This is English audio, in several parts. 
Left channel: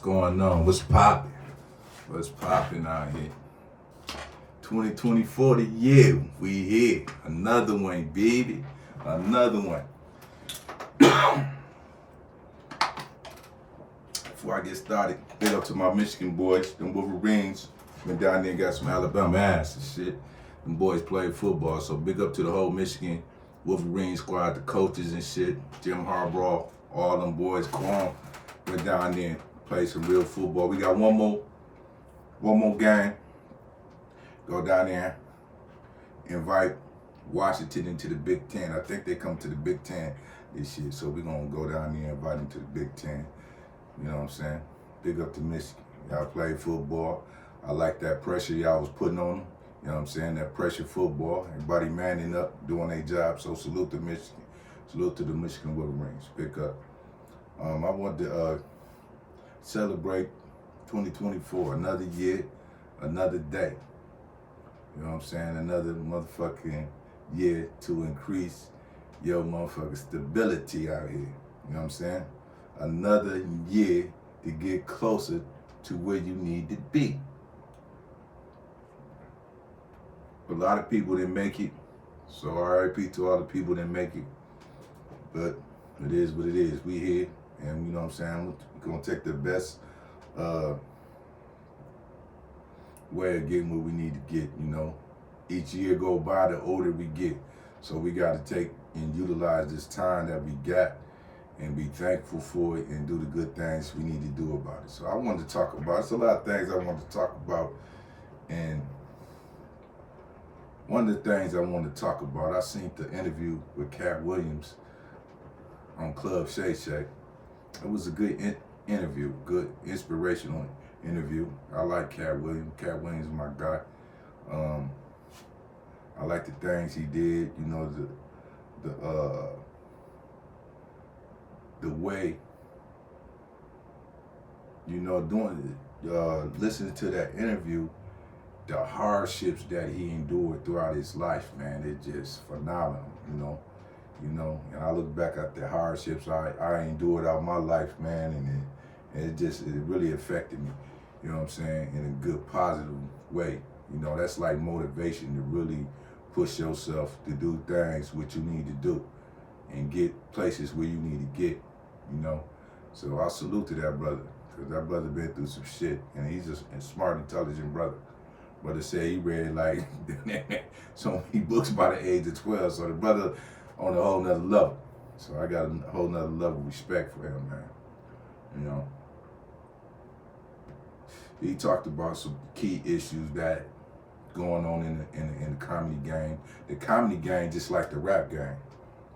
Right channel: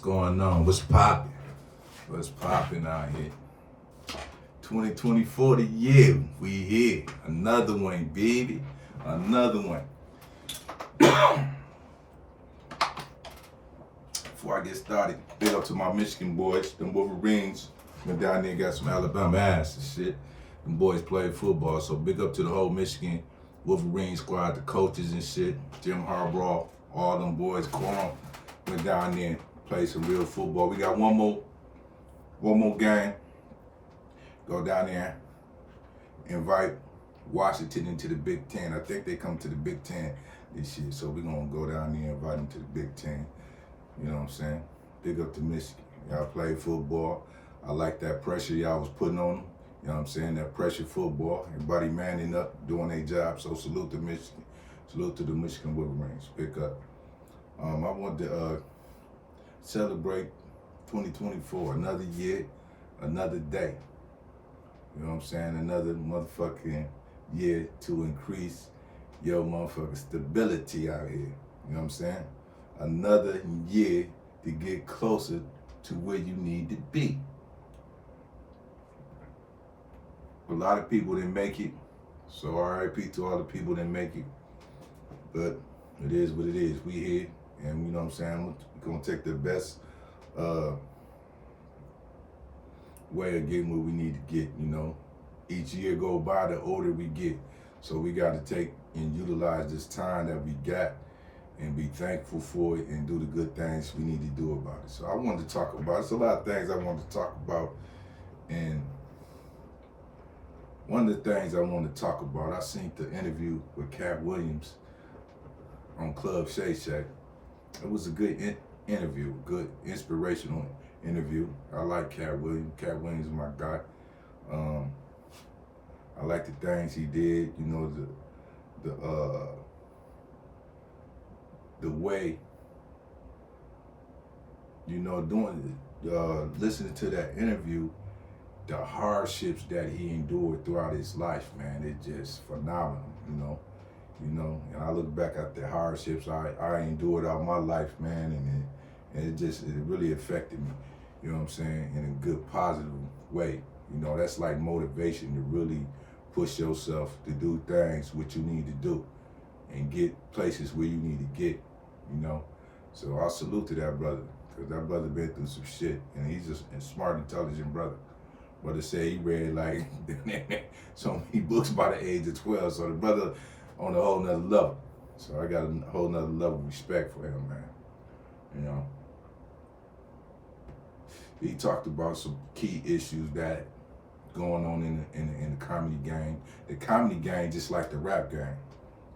going on? What's popping? What's popping out here? 2024 the year. We here. Another one, baby. Another one. Before I get started, big up to my Michigan boys, them Wolverines. Went down there and got some Alabama ass and shit. Them boys played football, so big up to the whole Michigan Wolverine squad, the coaches and shit. Jim Harbaugh, all them boys. Quan went down there and played some real football. We got one more game. Go down there, invite Washington into the Big Ten. I think they come to the Big Ten this year, so we're gonna go down there and invite them to the Big Ten. You know what I'm saying? Big up to Michigan. Y'all played football. I like that pressure y'all was putting on them. You know what I'm saying? That pressure football. Everybody manning up, doing their job. So salute to Michigan. Salute to the Michigan Wolverines. Pick up. I want to celebrate 2024. Another year, another day. You know what I'm saying? Another motherfucking year to increase your motherfucking stability out here. You know what I'm saying? Another year to get closer to where you need to be. A lot of people didn't make it, so RIP to all the people that make it. But it is what it is. We here, and you know what I'm saying? We're gonna take the best way of getting where we need to get, you know. Each year go by, the older we get. So we gotta take and utilize this time that we got and be thankful for it and do the good things we need to do about it. So I wanted to talk about, it's a lot of things I wanted to talk about, and one of the things I want to talk about, I seen the interview with Katt Williams on Club Shay Shay. It was a good interview, good inspirational interview. I like Katt Williams. Katt Williams is my guy. I like the things he did. You know, the way, you know, listening to that interview, the hardships that he endured throughout his life, man, it's just phenomenal, you know. And I look back at the hardships I endured out my life, man, and it really affected me, you know what I'm saying, in a good, positive way. You know, that's like motivation to really push yourself to do things what you need to do and get places where you need to get, you know. So I salute to that brother, because that brother been through some shit, and he's just a smart, intelligent brother. Brother said he read like so many books by the age of 12, so the brother on a whole nother level. So I got a whole nother level of respect for him, man. You know, he talked about some key issues that going on in the comedy game. The comedy game just like the rap game.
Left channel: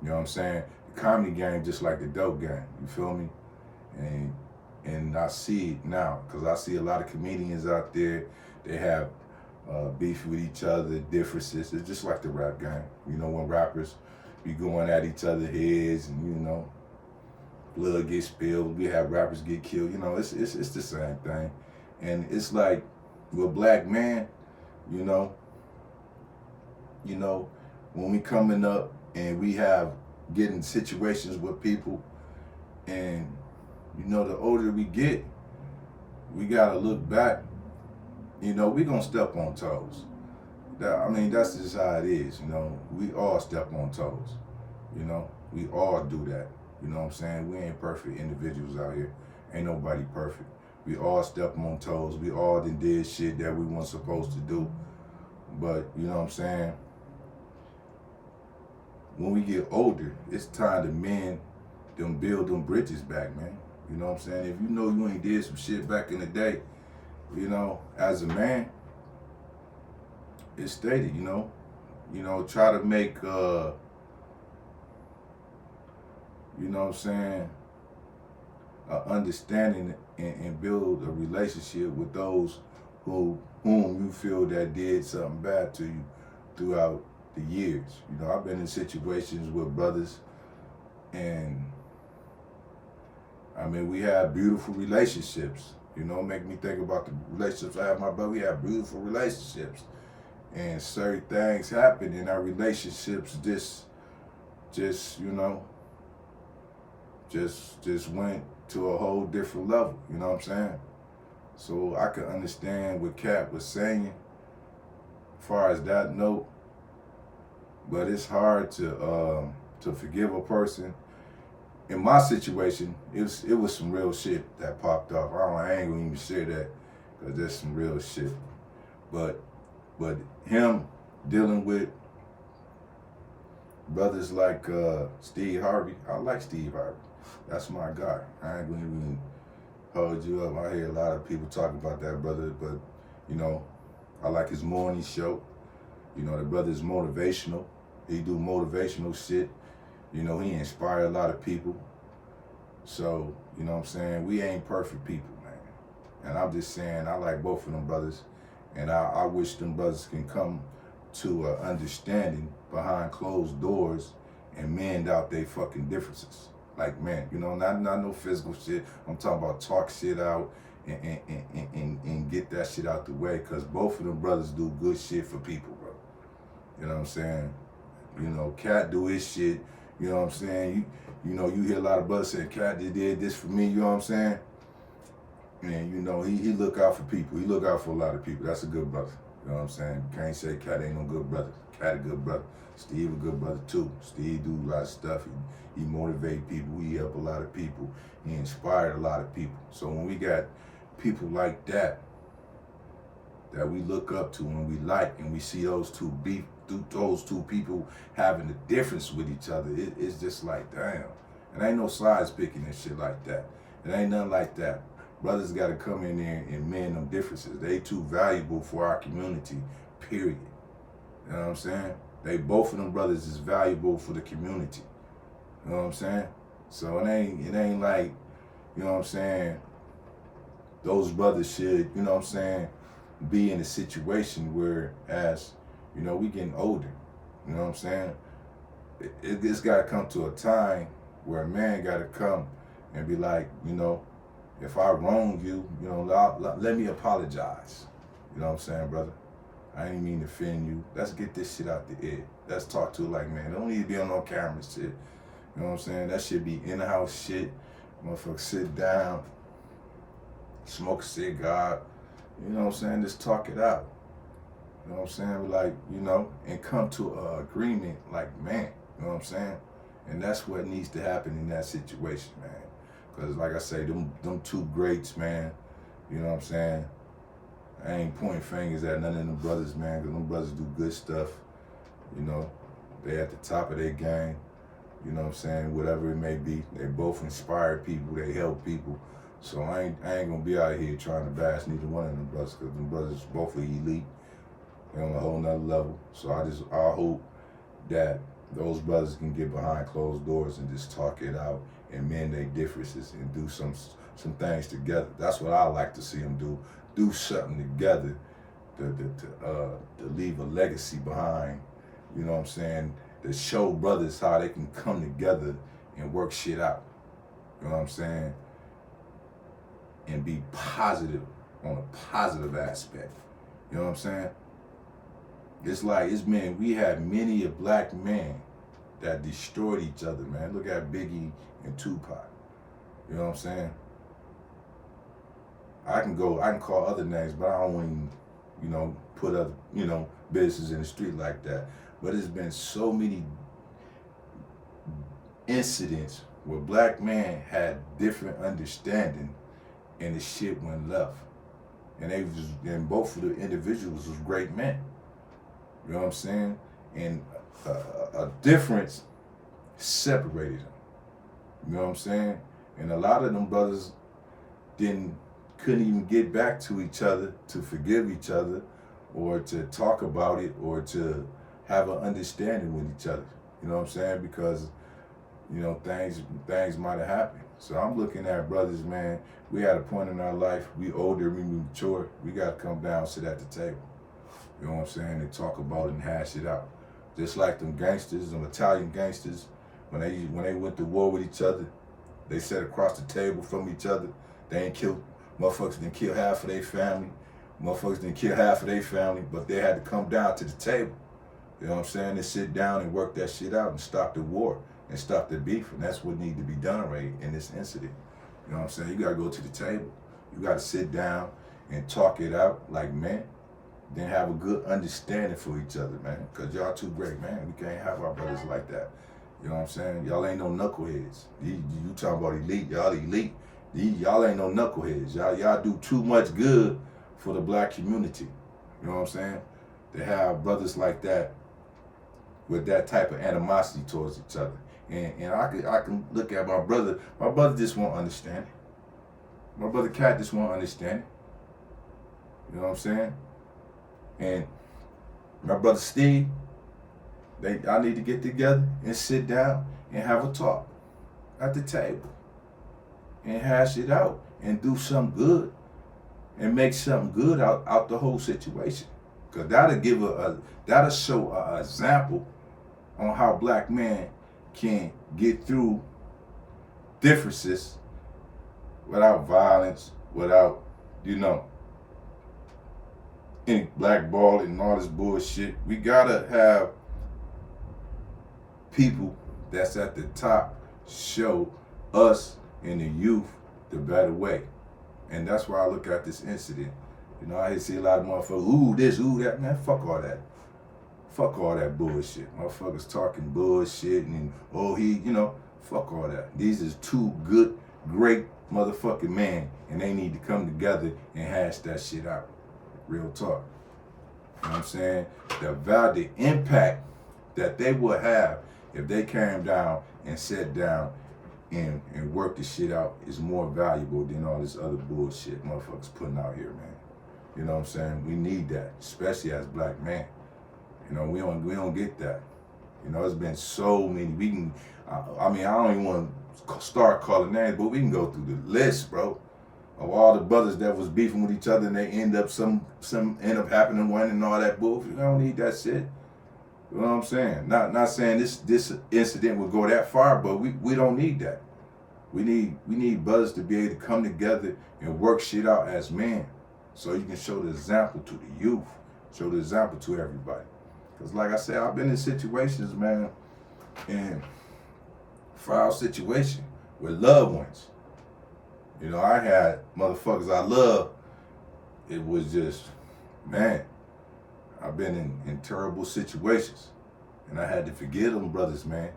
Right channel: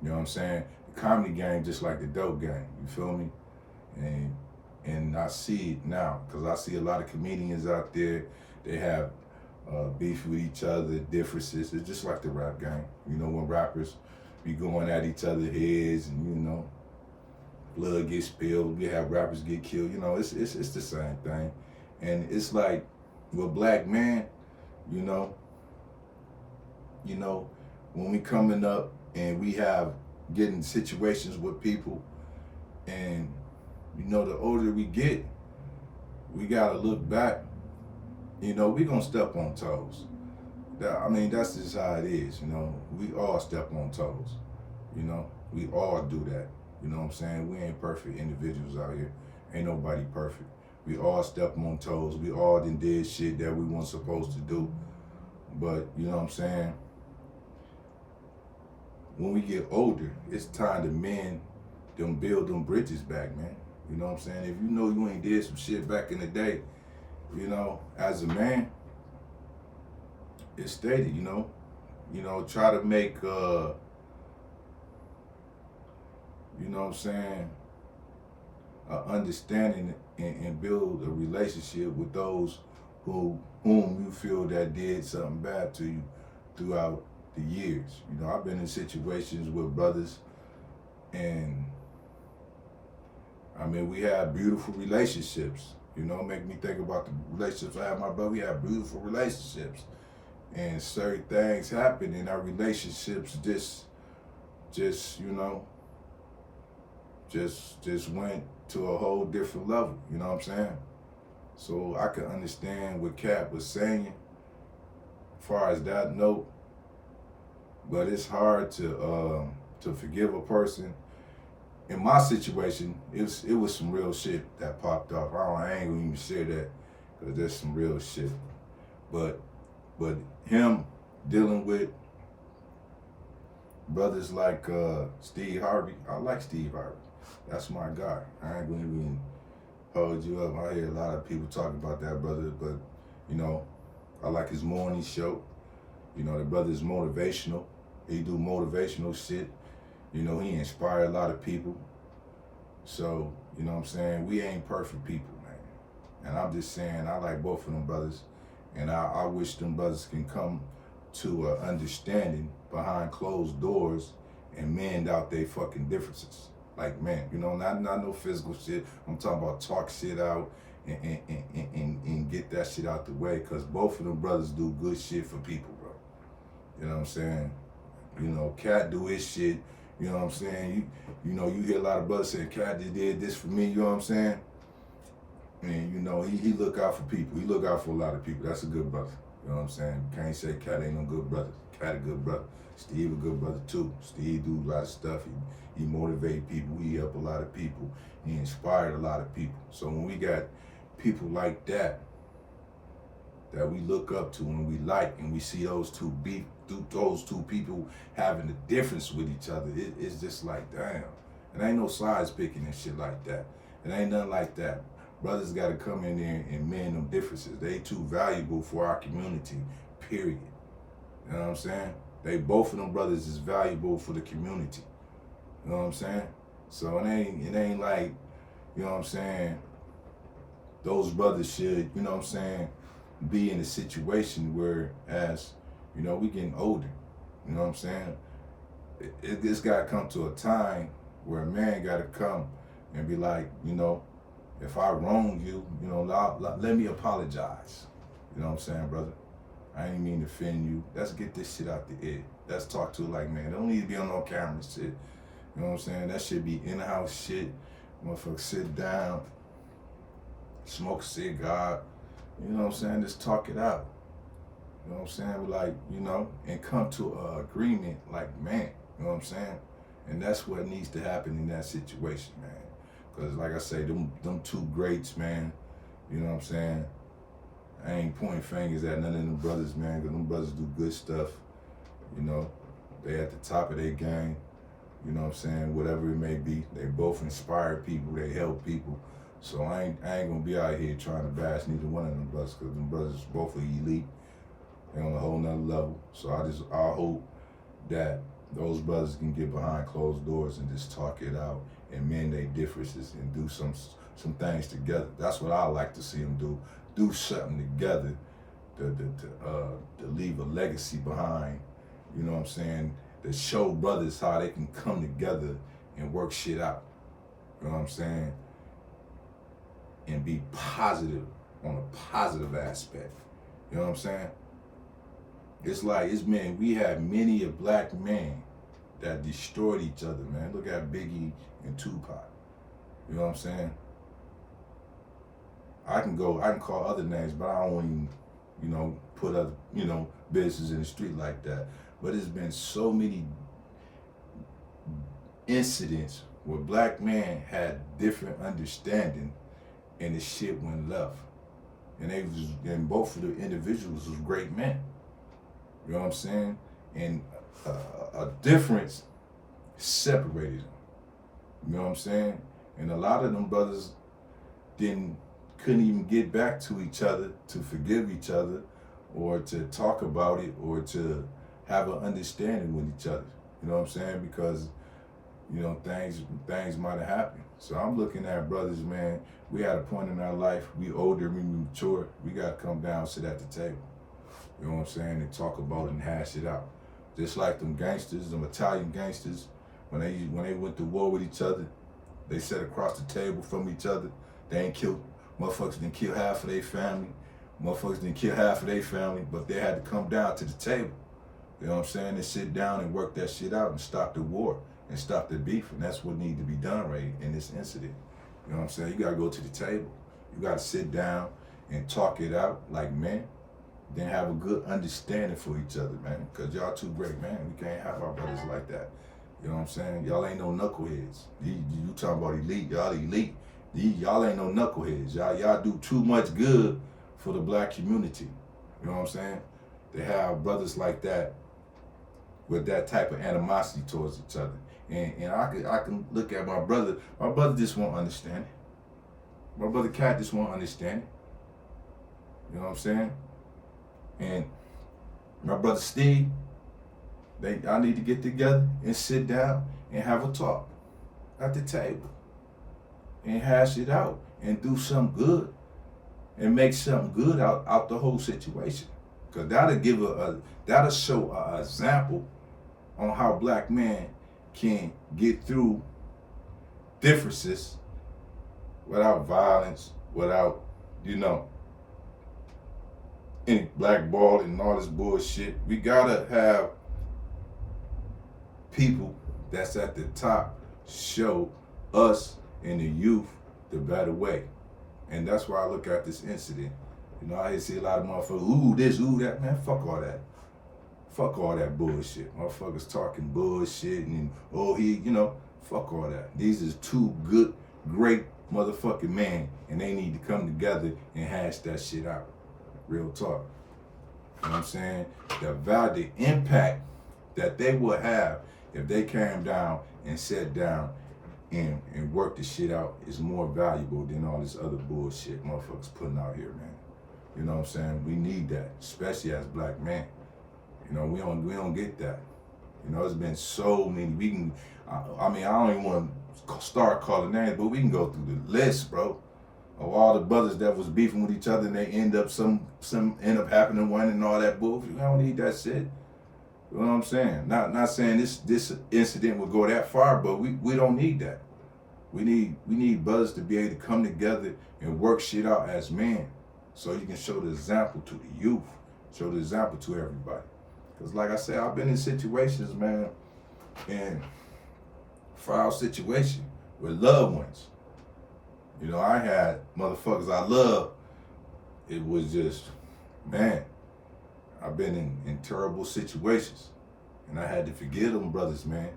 You know what I'm saying? The comedy game just like the dope game. You feel me? And I see it now, because I see a lot of comedians out there. They have beef with each other, differences. It's just like the rap game. You know, when rappers be going at each other's heads, and you know, blood gets spilled. We have rappers get killed. You know, it's the same thing. And it's like with black men, you know, when we coming up and we have getting situations with people, and you know, the older we get, we gotta look back. You know, we gonna step on toes. That's just how it is, you know. We all step on toes, you know. We all do that, you know what I'm saying? We ain't perfect individuals out here. Ain't nobody perfect. We all step on toes. We all did shit that we weren't supposed to do. But, you know what I'm saying? When we get older, it's time to mend them, build them bridges back, man. You know what I'm saying? If you know you ain't did some shit back in the day, you know, as a man, it's stated, you know, try to make, you know what I'm saying, an understanding and build a relationship with those whom you feel that did something bad to you throughout the years. You know, I've been in situations with brothers, and I mean, we have beautiful relationships. You know, make me think about the relationships I have with my brother. We have beautiful relationships. And certain things happen in our relationships, just just went to a whole different level, you know what I'm saying? So I could understand what Katt was saying as far as that note, but it's hard to forgive a person. In my situation, it was some real shit that popped off. I ain't gonna even share that because there's some real shit. But him dealing with brothers like Steve Harvey, I like Steve Harvey. That's my guy. I ain't gonna even hold you up. I hear a lot of people talk about that brother, but you know, I like his morning show. You know, the brother's motivational. He do motivational shit. You know, he inspired a lot of people. So, you know what I'm saying? We ain't perfect people, man. And I'm just saying, I like both of them brothers. And I wish them brothers can come to an understanding behind closed doors and mend out their fucking differences. Like, man, you know, not no physical shit. I'm talking about talk shit out and get that shit out the way. Because both of them brothers do good shit for people, bro. You know what I'm saying? You know, Katt do his shit. You know what I'm saying? You know, you hear a lot of brothers saying, Katt did this for me, you know what I'm saying? And, you know, he look out for people. He look out for a lot of people. That's a good brother. You know what I'm saying? You can't say Katt ain't no good brother. Katt a good brother. Steve a good brother, too. Steve do a lot of stuff. He motivate people. He help a lot of people. He inspired a lot of people. So when we got people like that we look up to and we like, and we see those two people having a difference with each other, it's just like, damn. And ain't no size picking and shit like that. It ain't nothing like that. Brothers got to come in there and mend them differences. They too valuable for our community, period. You know what I'm saying? Both of them brothers is valuable for the community. You know what I'm saying? So it ain't like, you know what I'm saying, those brothers should, you know what I'm saying, be in a situation where, as, you know, we getting older. You know what I'm saying? It's got to come to a time where a man got to come and be like, you know, if I wrong you, you know, let me apologize. You know what I'm saying, brother? I ain't mean to offend you. Let's get this shit out the air. Let's talk to it like, man, don't need to be on no camera shit. You know what I'm saying? That should be in-house shit. Motherfucker sit down, smoke a cigar. You know what I'm saying? Just talk it out. You know what I'm saying? Like, you know, and come to an agreement like, man, you know what I'm saying? And that's what needs to happen in that situation, man. Because like I say, them two greats, man, you know what I'm saying? I ain't pointing fingers at none of them brothers, man, because them brothers do good stuff. You know, they at the top of their game. You know what I'm saying? Whatever it may be. They both inspire people. They help people. So I ain't gonna be out here trying to bash neither one of them brothers, because them brothers both are elite. They're on a whole nother level. So I hope that those brothers can get behind closed doors and just talk it out and mend their differences and do some things together. That's what I like to see them do. Do something together to leave a legacy behind. You know what I'm saying? To show brothers how they can come together and work shit out. You know what I'm saying? And be positive on a positive aspect. You know what I'm saying? It's like, we have many a black man that destroyed each other, man. Look at Biggie and Tupac. You know what I'm saying? I can call other names, but I don't even, you know, put other, you know, businesses in the street like that. But there's been so many incidents where black men had different understanding and the shit went left. And both of the individuals was great men. You know what I'm saying? And a difference separated them. You know what I'm saying? And a lot of them brothers couldn't even get back to each other to forgive each other or to talk about it or to have an understanding with each other. You know what I'm saying? Because, you know, things might have happened. So I'm looking at brothers, man, we at a point in our life, we older, we mature, we got to come down, sit at the table. You know what I'm saying? And talk about it and hash it out. Just like them gangsters, them Italian gangsters, when they went to war with each other, they sat across the table from each other. They ain't killed, motherfuckers didn't kill half of their family. Motherfuckers didn't kill half of their family, but they had to come down to the table. You know what I'm saying? They sit down and work that shit out and stop the war. and stop the beef, and that's what needs to be done right in this incident. You know what I'm saying? You gotta go to the table. You gotta sit down and talk it out like men. Then have a good understanding for each other, man. Cause y'all too great, man. We can't have our brothers like that. You know what I'm saying? Y'all ain't no knuckleheads. You talking about elite? Y'all elite. Y'all ain't no knuckleheads. Y'all do too much good for the black community. You know what I'm saying? They have brothers like that with that type of animosity towards each other. And I can look at my brother. My brother just won't understand it. My brother Katt just won't understand it. You know what I'm saying? And my brother Steve, I need to get together and sit down and have a talk at the table and hash it out and do something good and make something good out the whole situation. Cause that'll show an example on how black men can get through differences without violence, without, any blackballing and all this bullshit. We gotta have people that's at the top show us and the youth the better way. And that's why I look at this incident. I see a lot of motherfuckers, ooh this, ooh that, man, fuck all that. Fuck all that bullshit. Motherfuckers talking bullshit and, fuck all that. These is two good, great motherfucking men, and they need to come together and hash that shit out. Real talk. You know what I'm saying? The impact that they would have if they came down and sat down and worked the shit out is more valuable than all this other bullshit motherfuckers putting out here, man. You know what I'm saying? We need that, especially as black men. We don't get that. It's been so many. I don't even want to start calling names, but we can go through the list, bro, of all the brothers that was beefing with each other and they end up some end up happening one and all that bullshit. We don't need that shit. You know what I'm saying? Not saying this incident would go that far, but we don't need that. We need brothers to be able to come together and work shit out as men, so you can show the example to the youth, show the example to everybody. Cause like I said, I've been in situations, man, in foul situation with loved ones. I had motherfuckers I love. It was just, man, I've been in terrible situations, and I had to forgive them brothers, man.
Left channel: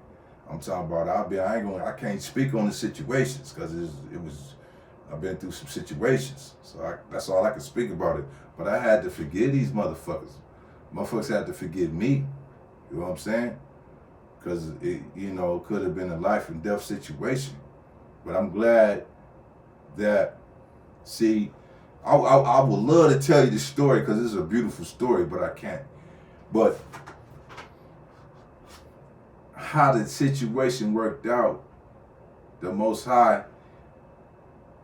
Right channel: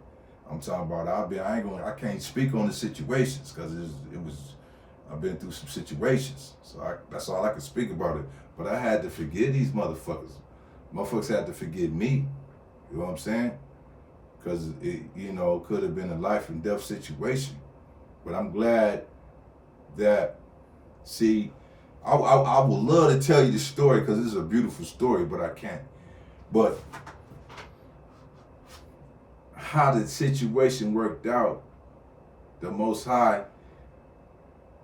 I'm talking about I can't speak on the situations because I've been through some situations, so that's all I can speak about it. But I had to forgive these motherfuckers. Motherfuckers had to forgive me. You know what I'm saying? Because it could have been a life and death situation. But I'm glad that, see, I would love to tell you the story because it's a beautiful story, but I can't. But how the situation worked out, the Most High,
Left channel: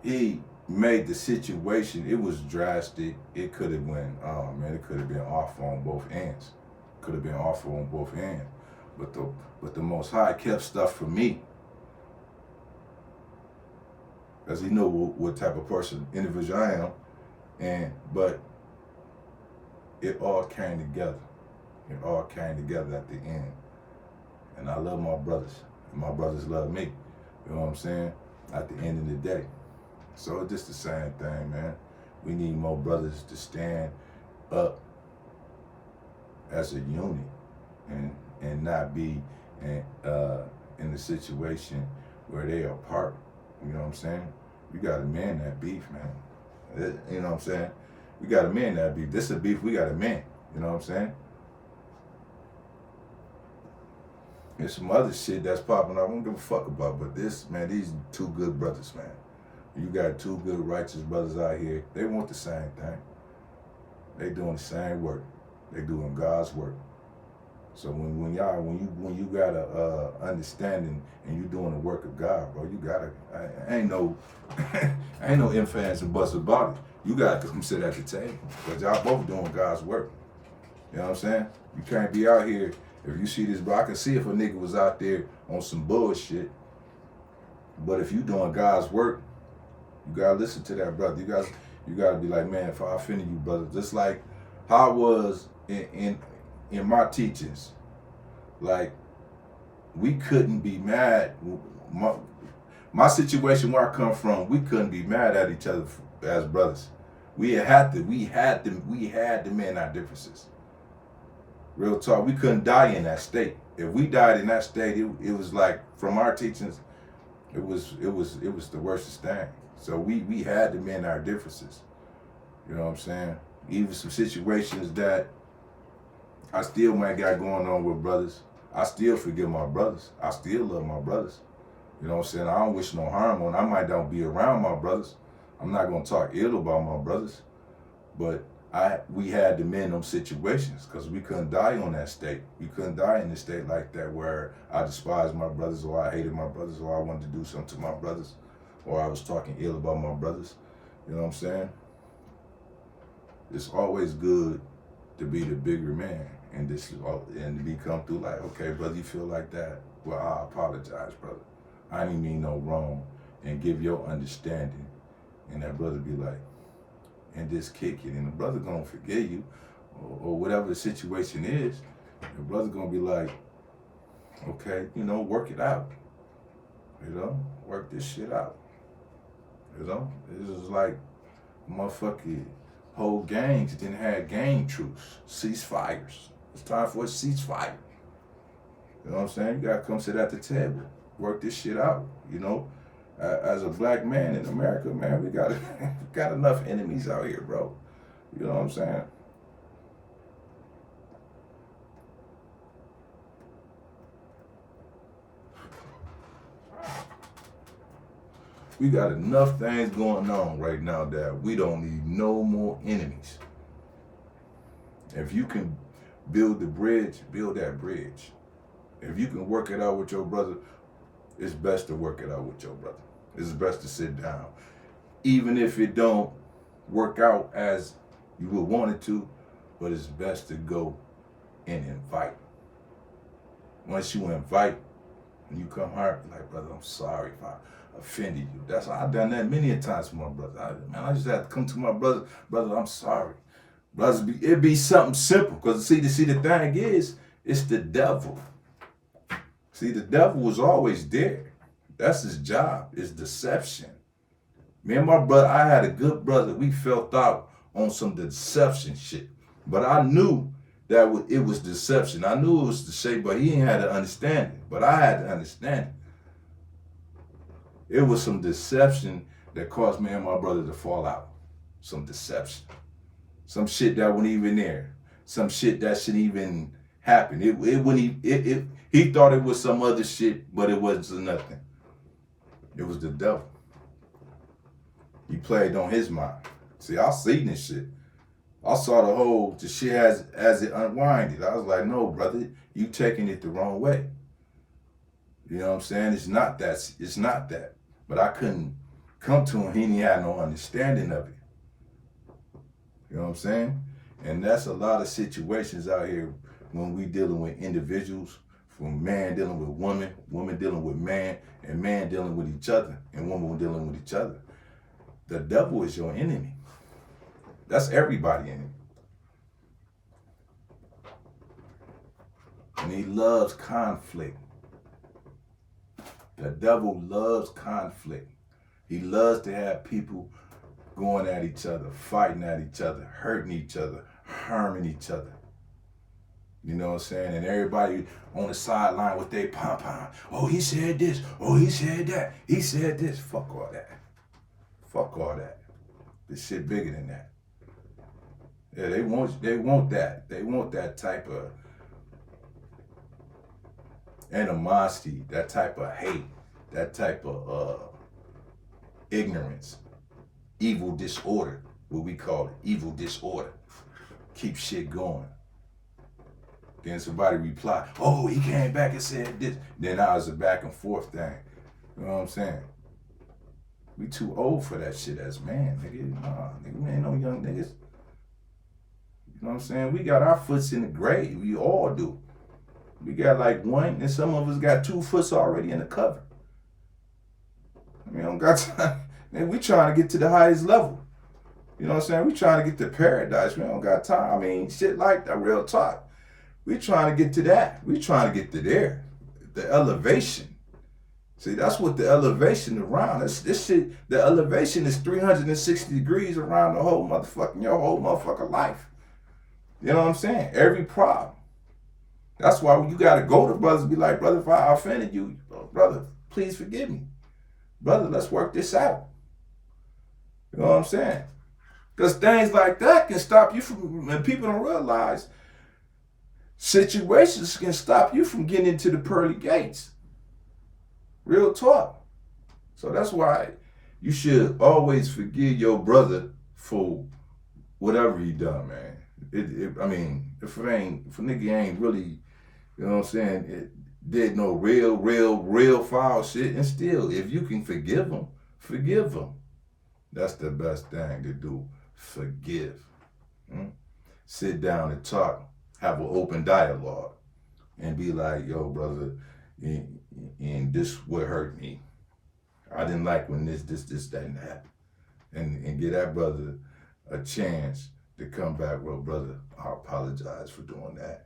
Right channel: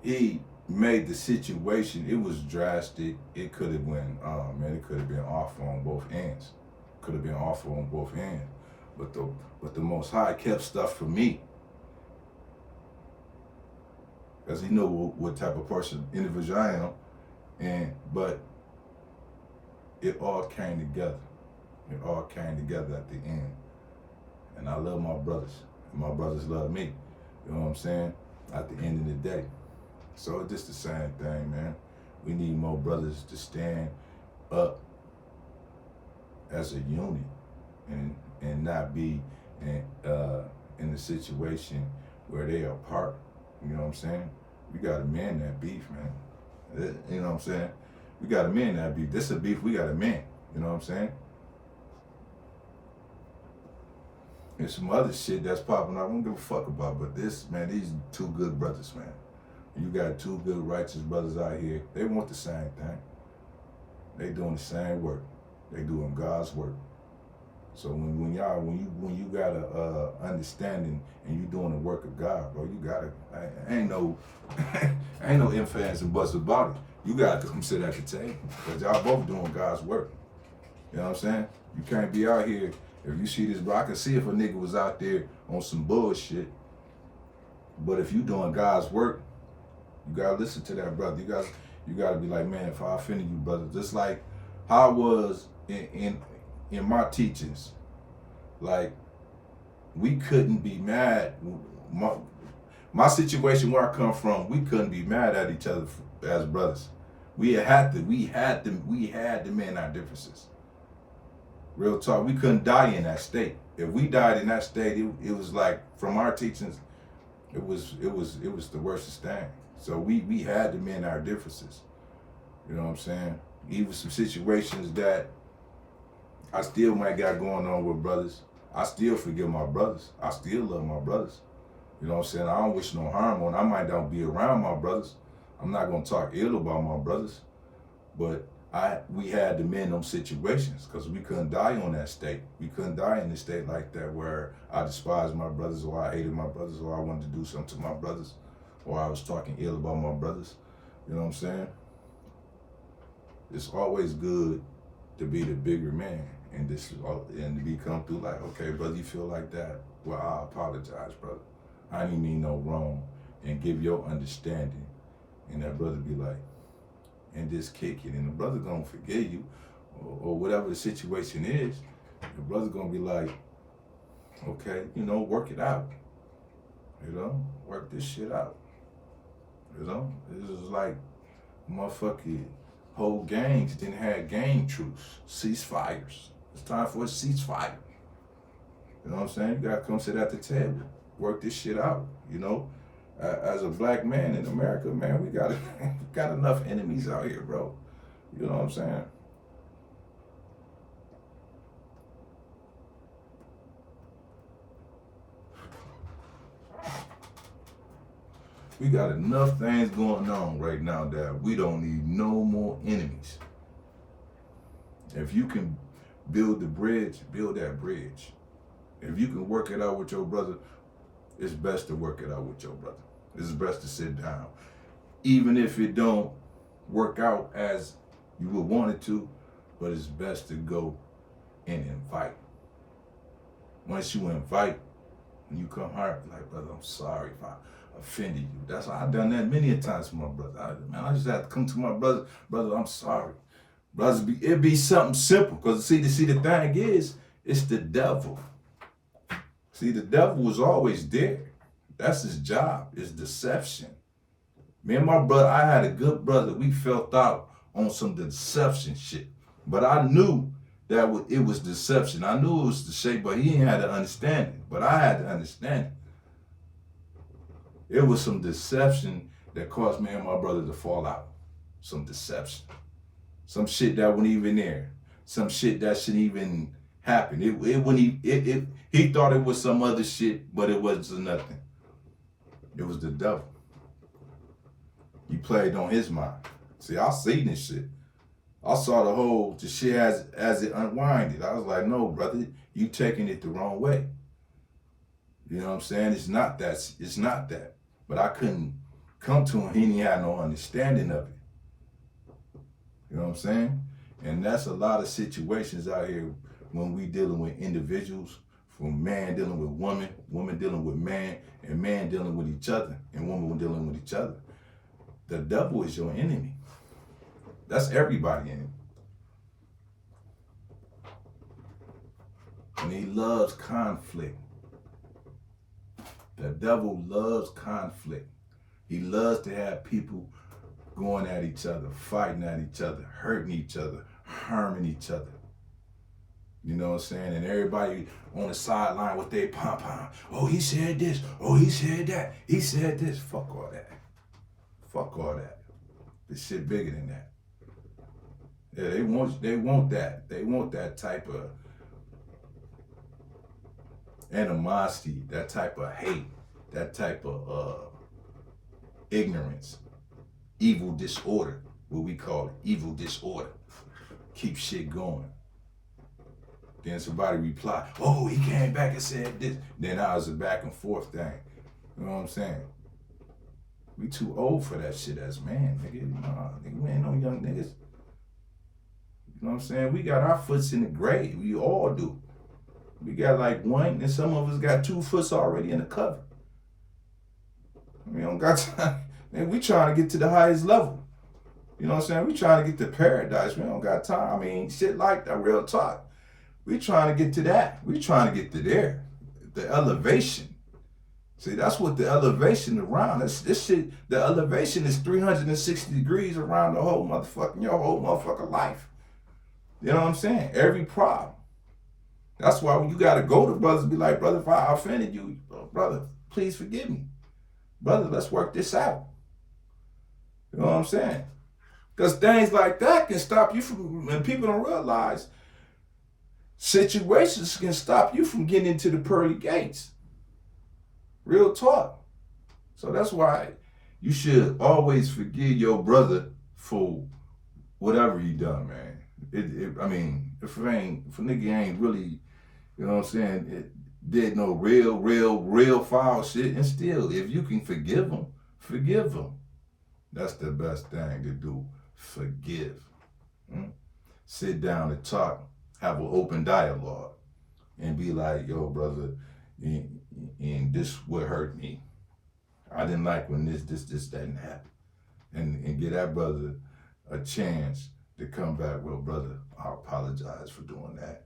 He made the situation, it was drastic. It could have went, it could have been awful on both ends. Could have been awful on both ends. But the Most High kept stuff from me. Because He knew what type of person, individual I am. But it all came together. It all came together at the end. And I love my brothers. And my brothers love me. You know what I'm saying? At the end of the day. So it's just the same thing, man. We need more brothers to stand up as a unit and not be in a situation where they are apart. You know what I'm saying? We gotta mend that beef, man. You know what I'm saying? We gotta mend that beef. This is a beef we gotta mend. You know what I'm saying? There's some other shit that's popping up I don't give a fuck about, but this, man, these two good brothers, man. You got two good righteous brothers out here. They want the same thing. They doing the same work. They doing God's work. So when you got a understanding and you doing the work of God, bro, you gotta ain't no ifs, ands, and buts about it. You gotta come sit at the table because y'all both doing God's work. You know what I'm saying? You can't be out here. If you see this, bro, I can see if a nigga was out there on some bullshit. But if you doing God's work, you gotta listen to that brother. You gotta be like, man, if I offended you, brother, just like how I was in my teachings, like we couldn't be mad. My situation where I come from, we couldn't be mad at each other as brothers. We had to mend our differences. Real talk, we couldn't die in that state. If we died in that state, it was like, from our teachings, it was the worstest thing. So we had to mend our differences. You know what I'm saying? Even some situations that I still might got going on with brothers, I still forgive my brothers. I still love my brothers. You know what I'm saying? I don't wish no harm on. I might not be around my brothers. I'm not gonna talk ill about my brothers, but we had to mend them situations because we couldn't die on that state. We couldn't die in a state like that where I despised my brothers, or I hated my brothers, or I wanted to do something to my brothers, or I was talking ill about my brothers. You know what I'm saying? It's always good to be the bigger man and to be come through like, okay, brother, you feel like that? Well, I apologize, brother. I didn't mean no wrong, and give your understanding. And that brother be like, and just kick it. And the brother gonna forgive you, or whatever the situation is. The brother gonna be like, okay, work it out. Work this shit out. This is like motherfucking whole gangs didn't have gang truce, ceasefires. It's time for a ceasefire. You know what I'm saying? You gotta come sit at the table, work this shit out. As a black man in America, man, we got enough enemies out here, bro. You know what I'm saying? We got enough things going on right now that we don't need no more enemies. If you can build the bridge, build that bridge. If you can work it out with your brother, it's best to work it out with your brother. It's best to sit down. Even if it don't work out as you would want it to, but it's best to go and invite. Once you invite, when you come home, like, brother, I'm sorry if I offended you. That's why I've done that many a times for my brother. I just have to come to my brother, I'm sorry. Brothers, it be something simple. Because see, the thing is, it's the devil. See, the devil was always there. That's his job, is deception. Me and my brother, I had a good brother. We felt out on some deception shit. But I knew that it was deception. I knew it was the shape, but he didn't have to understand it. But I had to understand it. It was some deception that caused me and my brother to fall out. Some deception. Some shit that wasn't even there. Some shit that shouldn't even happen. He thought it was some other shit, but it wasn't nothing. It was the devil. He played on his mind. See, I seen this shit. I saw the shit as it unwinded. I was like, no, brother, you taking it the wrong way. You know what I'm saying? It's not that. But I couldn't come to him. He didn't have no understanding of it. You know what I'm saying? And that's a lot of situations out here when we dealing with individuals, from man dealing with woman, woman dealing with man, and man dealing with each other, and woman dealing with each other. The devil is your enemy. That's everybody's enemy. And he loves conflict. The devil loves conflict. He loves to have people going at each other, fighting at each other, hurting each other, harming each other. You know what I'm saying? And everybody on the sideline with their pom-pom. Oh, he said this. Oh, he said that. He said this. Fuck all that. Fuck all that. This shit bigger than that. Yeah, they want that. They want that type of animosity, that type of hate, that type of ignorance, evil disorder, what we call it, evil disorder. Keep shit going. Then somebody reply, oh, he came back and said this. Then now it's a back and forth thing. You know what I'm saying? We too old for that shit as man, nigga. Nah, nigga, we ain't no young niggas. You know what I'm saying? We got our foots in the grave. We all do. We got like one, and some of us got 2 foots already in the cover. We don't got time. Nigga, we trying to get to the highest level. You know what I'm saying? We trying to get to paradise. We don't got time. I mean, shit like that, real talk. We trying to get to that. We trying to get to there. the elevation. See, that's what the elevation around. This shit, the elevation is 360 degrees around the whole your whole motherfucking life. You know what I'm saying? Every problem. That's why when you gotta go to brothers, be like, brother, if I offended you, brother, please forgive me. Brother, let's work this out. You know what I'm saying? Because things like that can stop you from, and people don't realize, situations can stop you from getting into the pearly gates. Real talk. So that's why you should always forgive your brother for whatever he done, man. I mean, if a nigga ain't really, you know what I'm saying, did no real foul shit, and still, if you can forgive him, forgive him. That's the best thing to do. Forgive. Sit down and talk, have an open dialogue, and be like, yo, brother, and this would hurt me. I didn't like when this didn't happen. And give that brother a chance to come back. Well, brother, I apologize for doing that.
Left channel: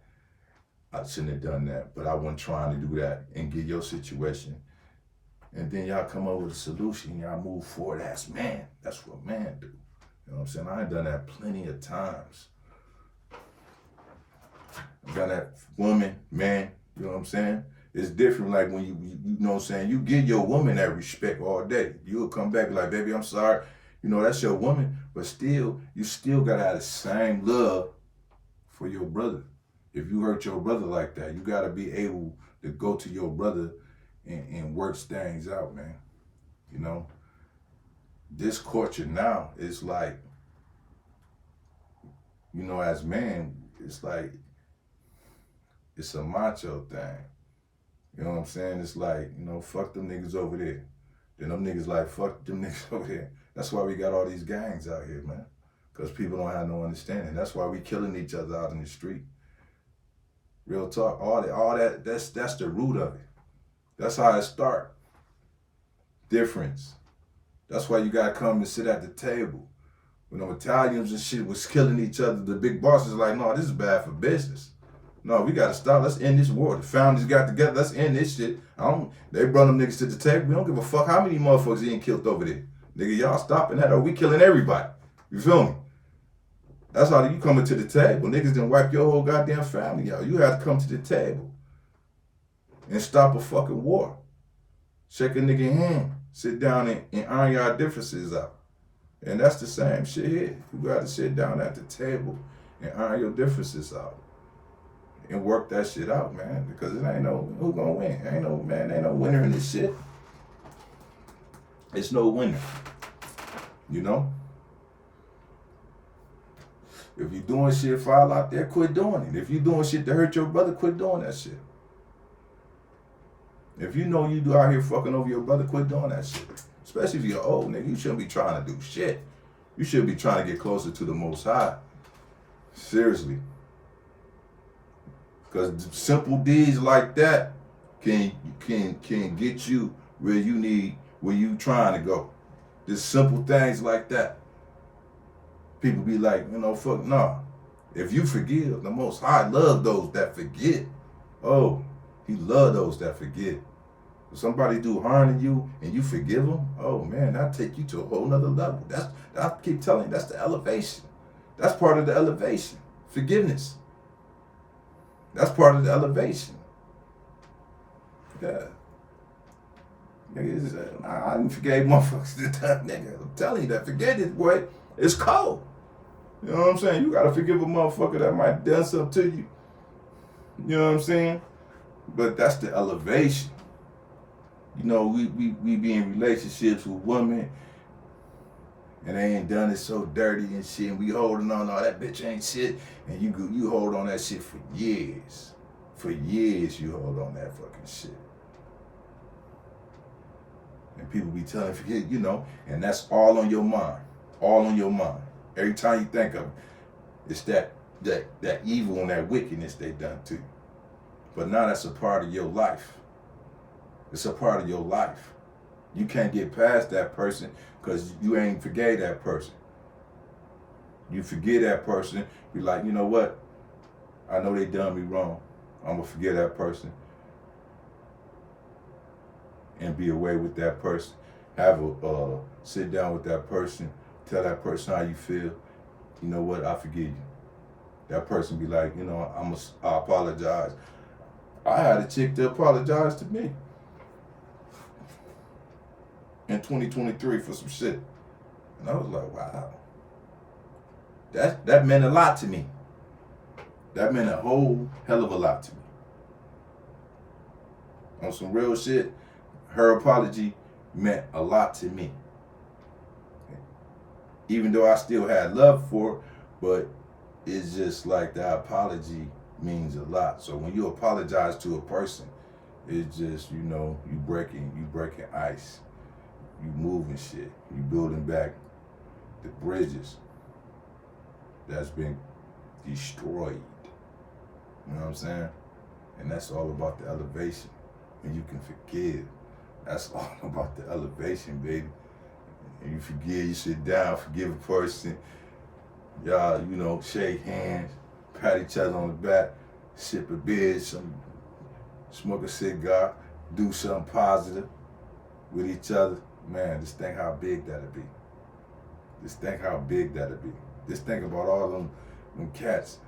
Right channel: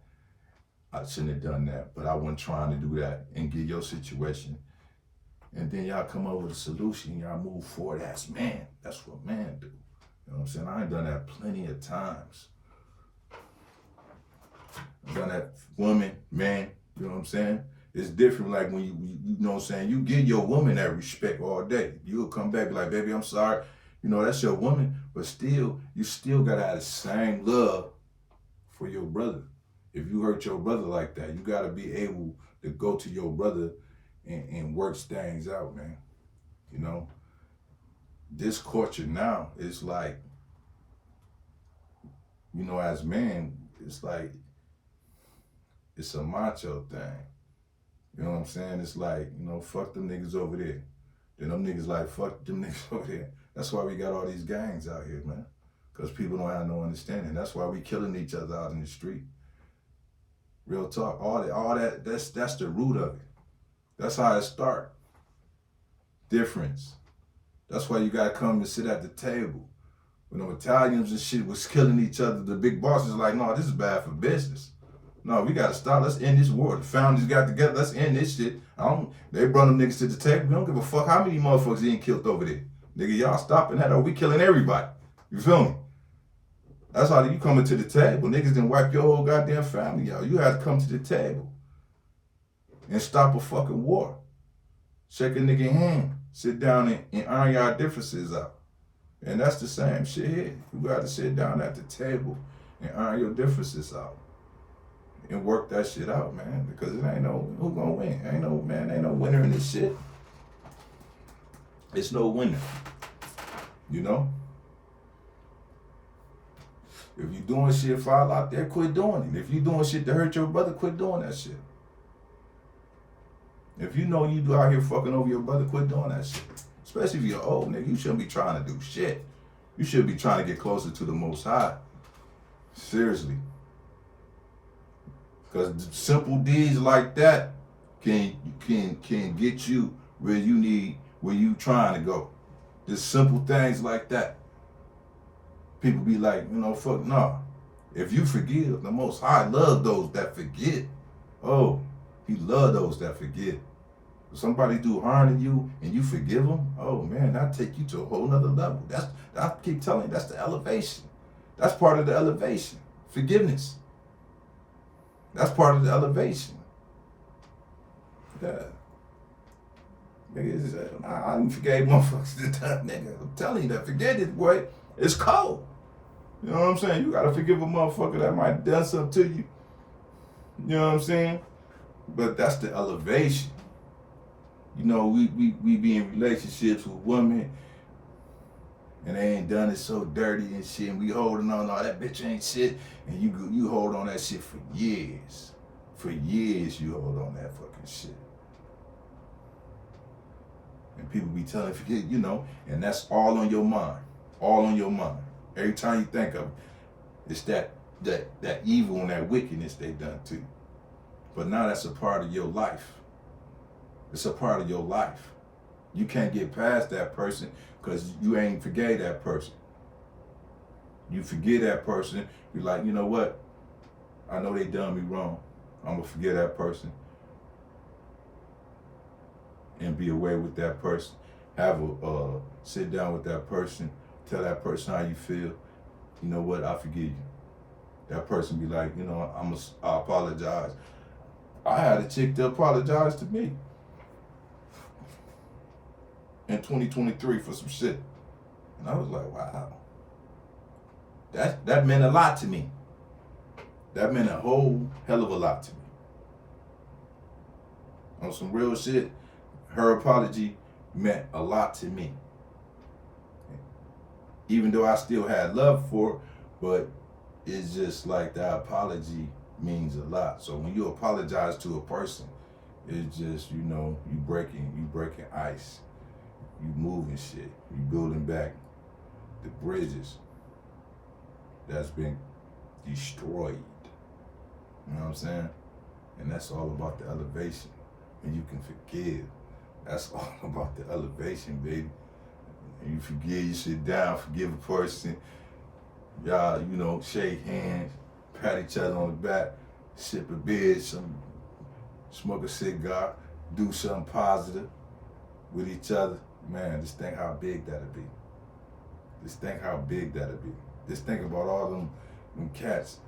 I shouldn't have done that, but I wasn't trying to do that, and get your situation. And then y'all come up with a solution, y'all move forward as man. That's what man do. You know what I'm saying? I ain't done that plenty of times. I've done that woman, man, you know what I'm saying? It's different like when you know what I'm saying, you give your woman that respect all day. You'll come back and be like, baby, I'm sorry. You know, that's your woman, but still, you still gotta have the same love for your brother. If you hurt your brother like that, you gotta be able to go to your brother and work things out, man. You know, this culture now is like, you know, as men, it's like, it's a macho thing. You know what I'm saying? It's like, you know, fuck them niggas over there. Then them niggas like, fuck them niggas over there. That's why we got all these gangs out here, man. Because people don't have no understanding. That's why we killing each other out in the street. Real talk. All that, that's the root of it. That's how it start. Difference. That's why you gotta come and sit at the table. When them Italians and shit was killing each other, the big boss is like, no, this is bad for business. No, we gotta stop. Let's end this war. The founders got together. Let's end this shit. They brought them niggas to the table. We don't give a fuck how many motherfuckers getting killed over there. Nigga, y'all stopping that or we killing everybody. You feel me? That's how you coming to the table. Niggas done wipe your whole goddamn family out. You had to come to the table and stop a fucking war. Shake a nigga hand. Sit down and iron your differences out. And that's the same shit here. You gotta sit down at the table and iron your differences out. And work that shit out, man. Because it ain't no, who gonna win? Ain't no winner in this shit. It's no winner. You know? If you doing shit foul out there, quit doing it. If you doing shit to hurt your brother, quit doing that shit. If you know you do out here fucking over your brother, quit doing that shit. Especially if you're old, nigga. You shouldn't be trying to do shit. You should be trying to get closer to the Most High. Seriously. Because simple deeds like that can get you where you trying to go. Just simple things like that. People be like, you know, fuck no. If you forgive, the Most High love those that forget. Oh, he love those that forget. If somebody do harm to you and you forgive them, oh man, that'll take you to a whole nother level. I keep telling you, that's the elevation. That's part of the elevation. Forgiveness. That's part of the elevation. Yeah. Nigga, I didn't forgive motherfuckers this time, nigga. I'm telling you that forgiveness, boy, it's cold. You know what I'm saying? You gotta forgive a motherfucker that might have done something to you. You know what I'm saying? But that's the elevation. You know, we be in relationships with women and they ain't done it so dirty and shit, and we holding on, oh, that bitch ain't shit, and you hold on that shit for years. For years you hold on that fucking shit. And people be telling you, you know, and that's all on your mind. All on your mind. Every time you think of it, it's that evil and that wickedness they done to you. But now that's a part of your life. It's a part of your life. You can't get past that person because you ain't forgave that person. You forget that person, you're like, you know what? I know they done me wrong. I'm gonna forget that person. and be away with that person. Have a sit down with that person, tell that person how you feel. You know what? I forgive you. That person be like, I apologize. I had a chick to apologize to me in 2023 for some shit, and I was like, wow. That meant a lot to me. That meant a whole hell of a lot to me. On some real shit, her apology meant a lot to me. Even though I still had love for her, but it's just like that apology means a lot. So when you apologize to a person, it's just, you breaking ice. You moving shit. You building back the bridges that's been destroyed. You know what I'm saying? And that's all about the elevation. When you can forgive, that's all about the elevation, baby. And you forgive, you sit down, forgive a person. Y'all, shake hands, pat each other on the back, sip a beer, smoke a cigar, do something positive with each other. Man, just think how big that'll be. Just think how big that'll be. Just think about all them cats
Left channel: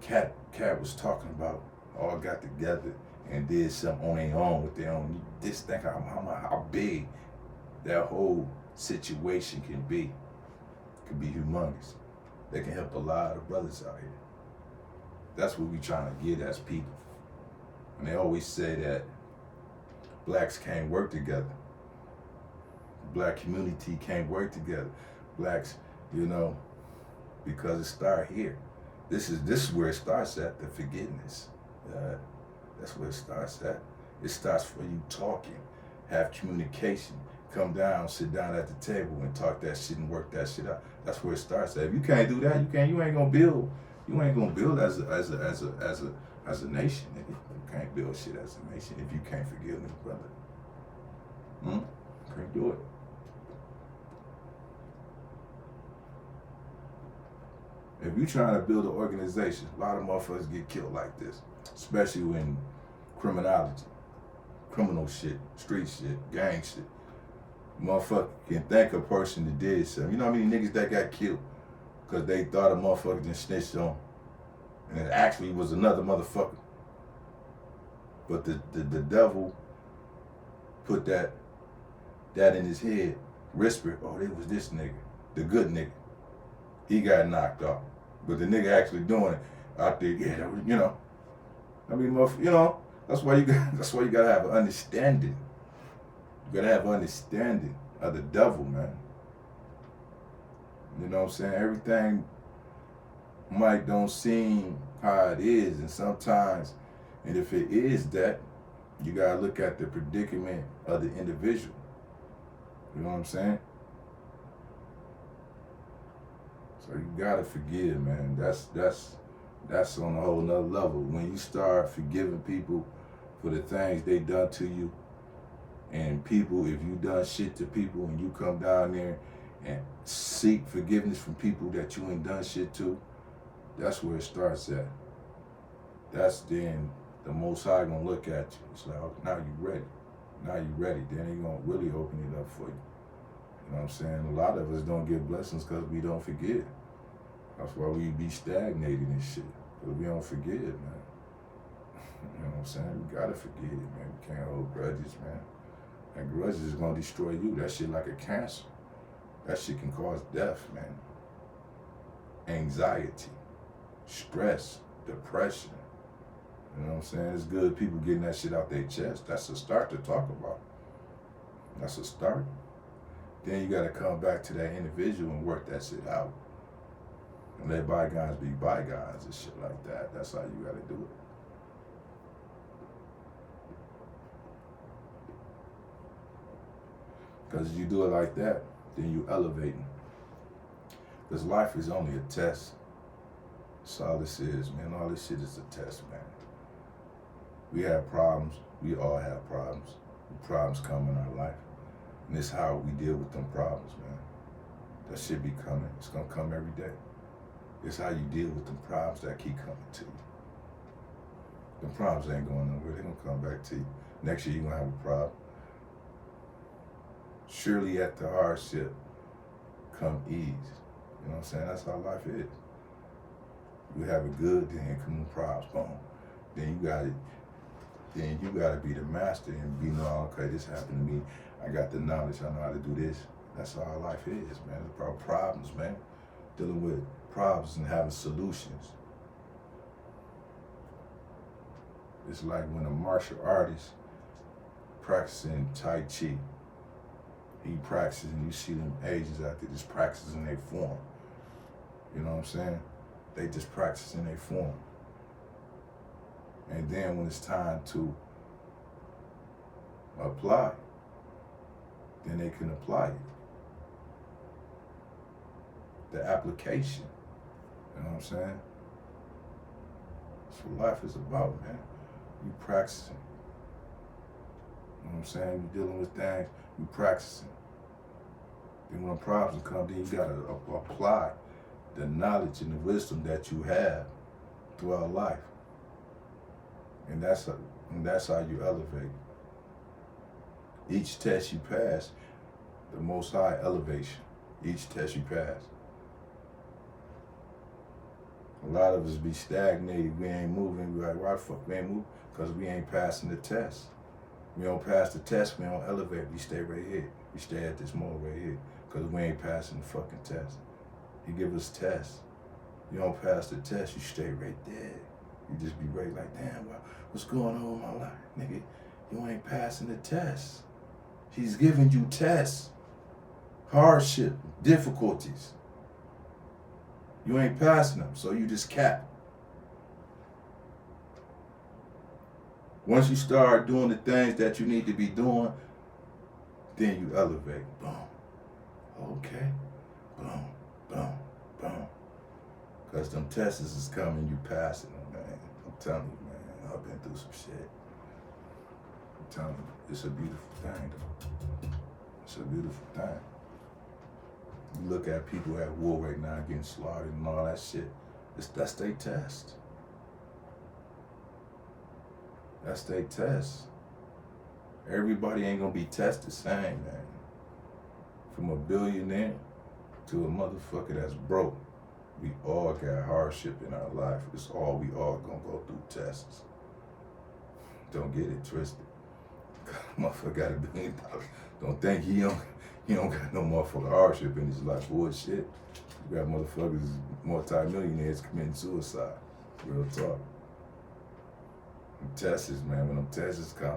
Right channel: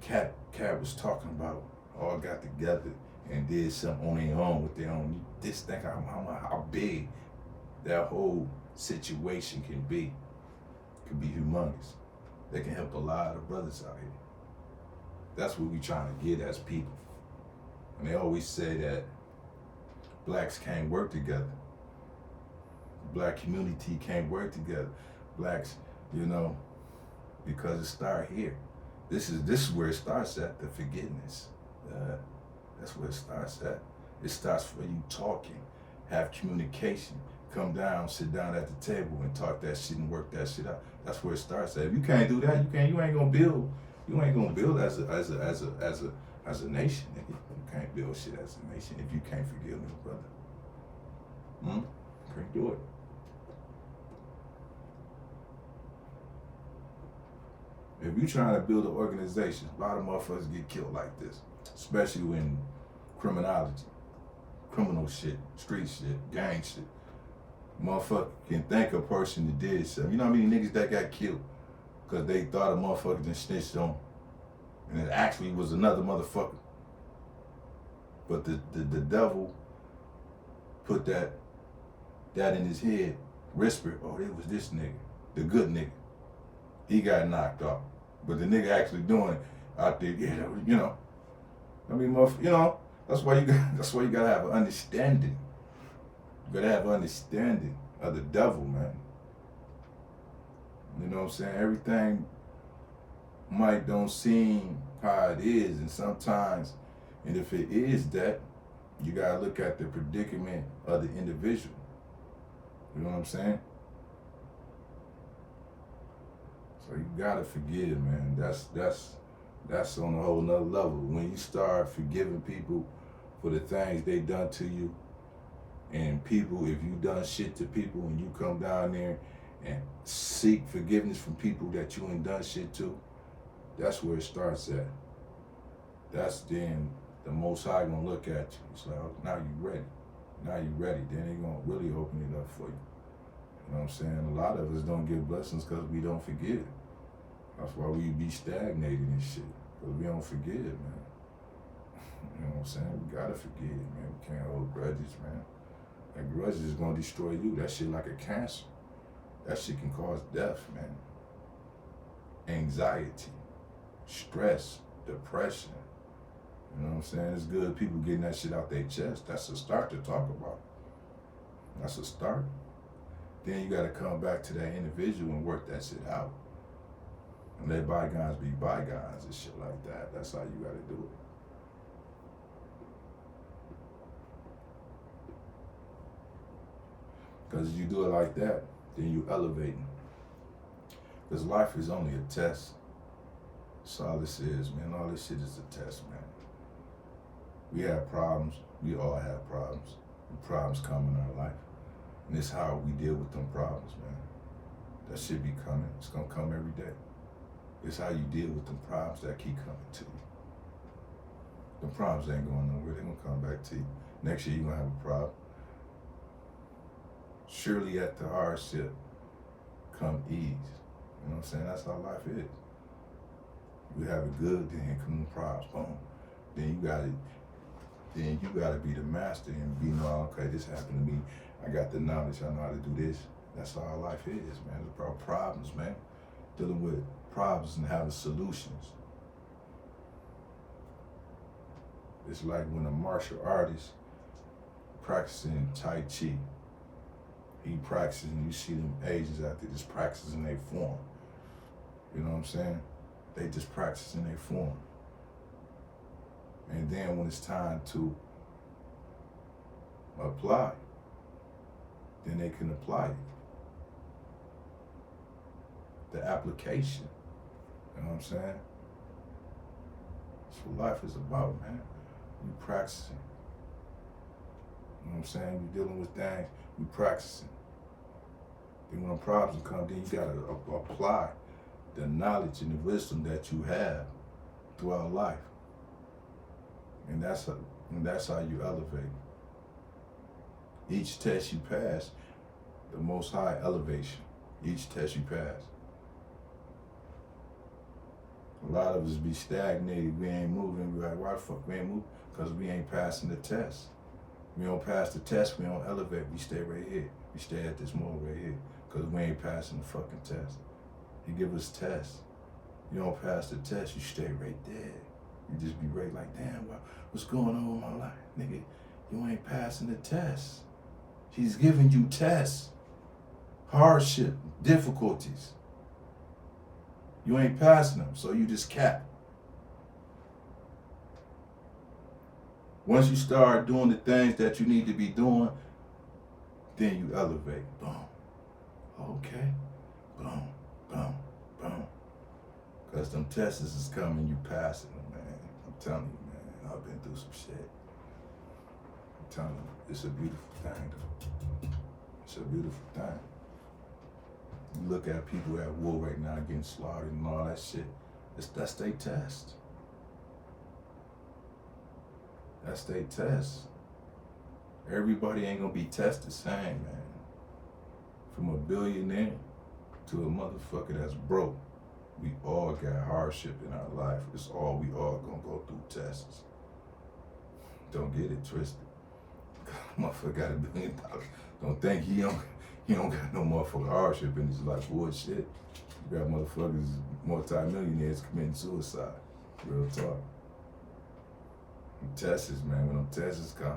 Katt was talking about, all got together and did something on their own with their own. Just think how big that whole situation can be. It can be humongous. They can help a lot of brothers out here. That's what we trying to get as people. And they always say that blacks can't work together. The black community can't work together. Blacks, because it starts here. This is where it starts at, the forgiveness. That's where it starts at. It starts for you talking, have communication, come down, sit down at the table and talk that shit and work that shit out. That's where it starts at. If you can't do that, you ain't gonna build. You ain't gonna build as a nation. You can't build shit as a nation if you can't forgive this brother. Can't do it. If you trying to build an organization, a lot of motherfuckers get killed like this, especially when criminology, criminal shit, street shit, gang shit. Motherfucker can thank a person that did something. You know how many niggas that got killed because they thought a motherfucker done snitched on them, and it actually was another motherfucker. But the devil put that in his head, whispered, oh, it was this nigga, the good nigga. He got knocked off. But the nigga actually doing it out there, that's why you gotta have an understanding. You gotta have an understanding of the devil, man. You know what I'm saying? Everything might don't seem how it is, and sometimes, and if it is that, you gotta look at the predicament of the individual. You know what I'm saying? So you gotta forgive, man. That's on a whole nother level. When you start forgiving people for the things they done to you, and people, if you done shit to people and you come down there and seek forgiveness from people that you ain't done shit to, that's where it starts at. That's then the Most High gonna look at you. It's like, now you ready. Now you ready. Then he gonna really open it up for you. You know what I'm saying? A lot of us don't get blessings because we don't forgive. That's why we be stagnated and shit. Because we don't forgive, man. You know what I'm saying? We gotta forgive, man. We can't hold grudges, man. That grudges is gonna destroy you. That shit like a cancer. That shit can cause death, man. Anxiety, stress, depression. You know what I'm saying? It's good people getting that shit out their chest. That's a start to talk about. That's a start. Then you gotta come back to that individual and work that shit out. And let bygones be bygones and shit like that. That's how you gotta do it. Because if you do it like that, then you elevating. Because life is only a test. That's all this is, man. All this shit is a test, man. We have problems. We all have problems. Problems come in our life. And it's how we deal with them problems, man. That shit be coming. It's gonna come every day. It's how you deal with them problems that keep coming to you. The problems ain't going nowhere. They're gonna come back to you. Next year you're gonna have a problem. Surely at the hardship come ease. You know what I'm saying? That's how life is. You have it good, then come problems, boom. Then you gotta be the master and be know, okay, this happened to me. I got the knowledge, I know how to do this. That's all life is, man. It's about problems, man. Dealing with problems and having solutions. It's like when a martial artist practicing Tai Chi. He practices and you see them ages out there just practicing their form. You know what I'm saying? They just practicing their form. And then when it's time to apply, then they can apply it. The application. You know what I'm saying? That's what life is about, man. You practicing. You know what I'm saying? You dealing with things, you practicing. Then when problems come, then you gotta apply the knowledge and the wisdom that you have throughout life. And that's how you elevate. Each test you pass, the Most High elevation. Each test you pass. A lot of us be stagnated. We ain't moving. We like, why the fuck we ain't moving? Because we ain't passing the test. We don't pass the test. We don't elevate. We stay right here. We stay at this moment right here because we ain't passing the fucking test. He give us tests. You don't pass the test, you stay right there. You just be right like, damn, what's going on in my life? Nigga, you ain't passing the test. He's giving you tests, hardship, difficulties. You ain't passing them, so you just cap. Once you start doing the things that you need to be doing, then you elevate. Boom. Okay. Boom, boom, boom. Because them tests is coming, you passing them, man. I'm telling you, man. I've been through some shit. I'm telling you, it's a beautiful thing, though. It's a beautiful thing. You look at people at war right now getting slaughtered and all that shit. That's their test. That's their test. Everybody ain't gonna be tested the same, man. From a billionaire to a motherfucker that's broke. We all got hardship in our life. It's all we all gonna go through tests. Don't get it twisted. Motherfucker got $1 billion. Don't think he don't got no motherfucking hardship in his life. Bullshit. You got motherfuckers, multi-millionaires committing suicide. Real talk. Them tests, man, when them tests come,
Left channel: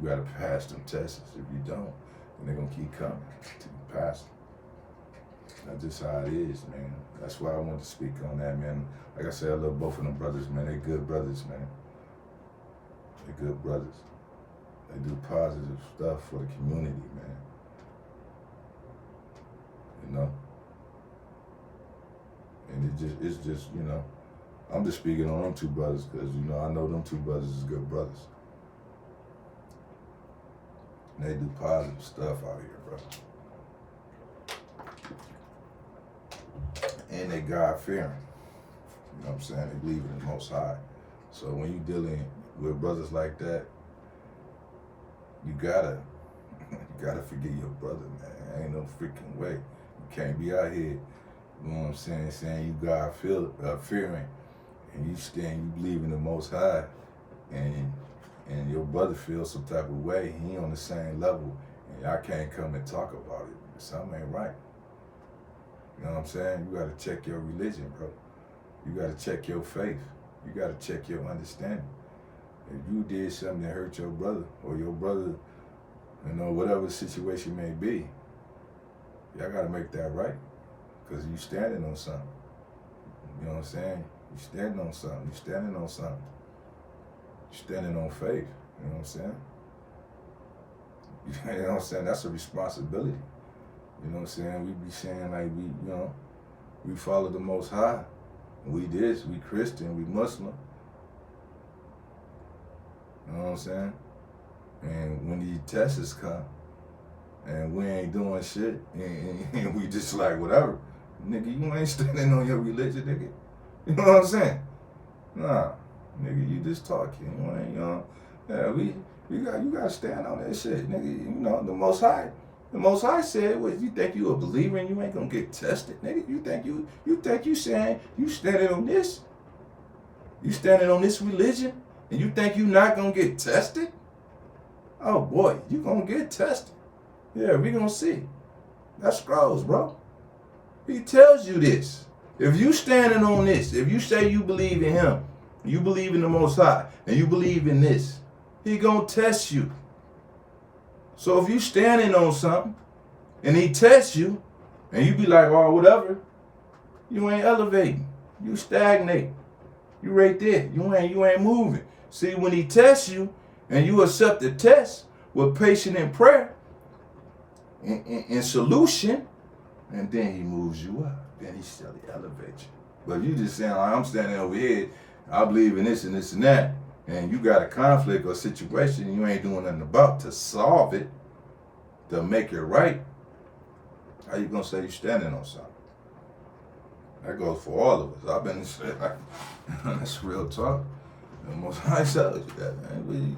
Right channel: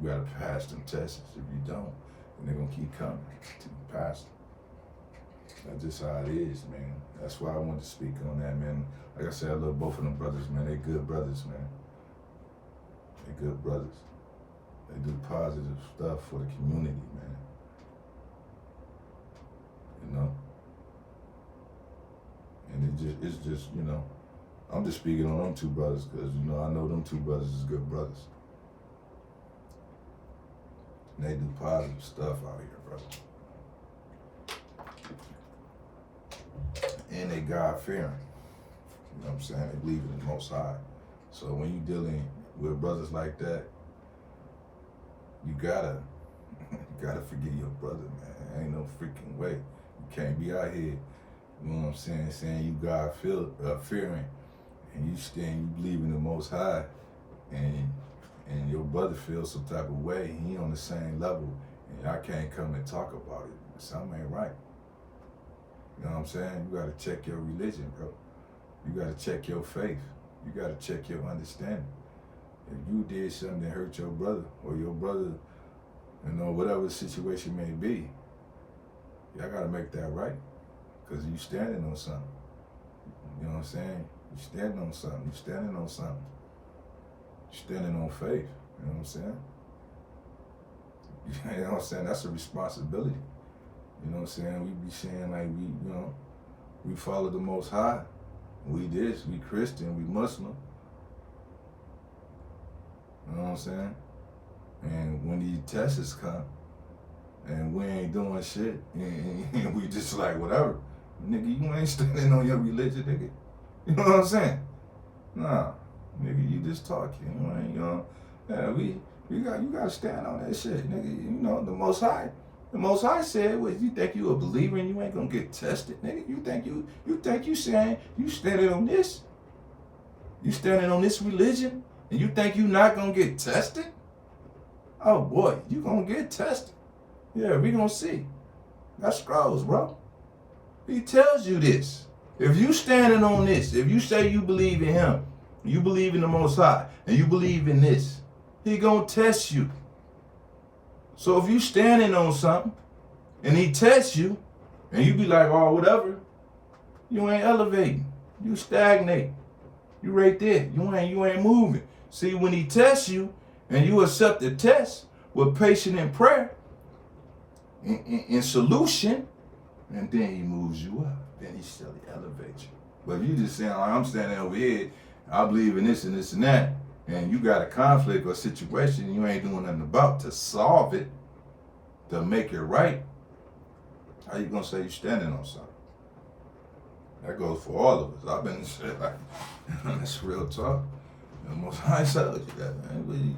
you gotta pass them tests. If you don't, then they're gonna keep coming till you pass them. That's just how it is, man. That's why I wanted to speak on that, man. Like I said, I love both of them brothers, man. They good brothers, man. They good brothers. They do positive stuff for the community, man. You know? And it's just, you know, I'm just speaking on them two brothers because, you know, I know them two brothers is good brothers. And they do positive stuff out here, brother. And they God-fearing. You know what I'm saying? They believe in the Most High. So when you dealing with brothers like that, you gotta forgive your brother, man. Ain't no freaking way. You can't be out here, you know what I'm saying you God-fearing, and you believe in the Most High, and your brother feels some type of way, he on the same level, and I can't come and talk about it. Something ain't right. You know what I'm saying? You gotta check your religion, bro. You gotta check your faith. You gotta check your understanding. If you did something that hurt your brother, or your brother, you know, whatever the situation may be, y'all gotta make that right. Because you standing on something. You know what I'm saying? You standing on something. You standing on something. You standing on faith. You know what I'm saying? You know what I'm saying? That's a responsibility. You know what I'm saying? We be saying like we follow the Most High. We this, we Christian, we Muslim. You know what I'm saying? And when these tests come, and we ain't doing shit, and we just like whatever, nigga, you ain't standing on your religion, nigga. You know what I'm saying? Nah, nigga, you just talking. You know, yeah, you gotta stand on that shit, nigga. You know, the Most High. The Most High said, "What you think you a believer and you ain't gonna get tested, nigga? You think you saying you standing on this? You standing on this religion and you think you not gonna get tested? Oh boy, you gonna get tested. Yeah, we gonna see. That scrolls, bro. He tells you this. If you standing on this, if you say you believe in him, you believe in the Most High, and you believe in this, he gonna test you. So if you standing on something, and he tests you, and you be like, oh, whatever, you ain't elevating. You stagnate. You right there. You ain't moving. See, when he tests you, and you accept the test with patience and prayer, in solution, and then he moves you up. Then he still elevates you. But if you just saying, like, I'm standing over here, I believe in this and this and that, and you got a conflict or situation you ain't doing nothing about to solve it, to make it right, how you gonna say you standing on something? That goes for all of us. I've been in shit like, that's real talk. The Most High tells you that, man.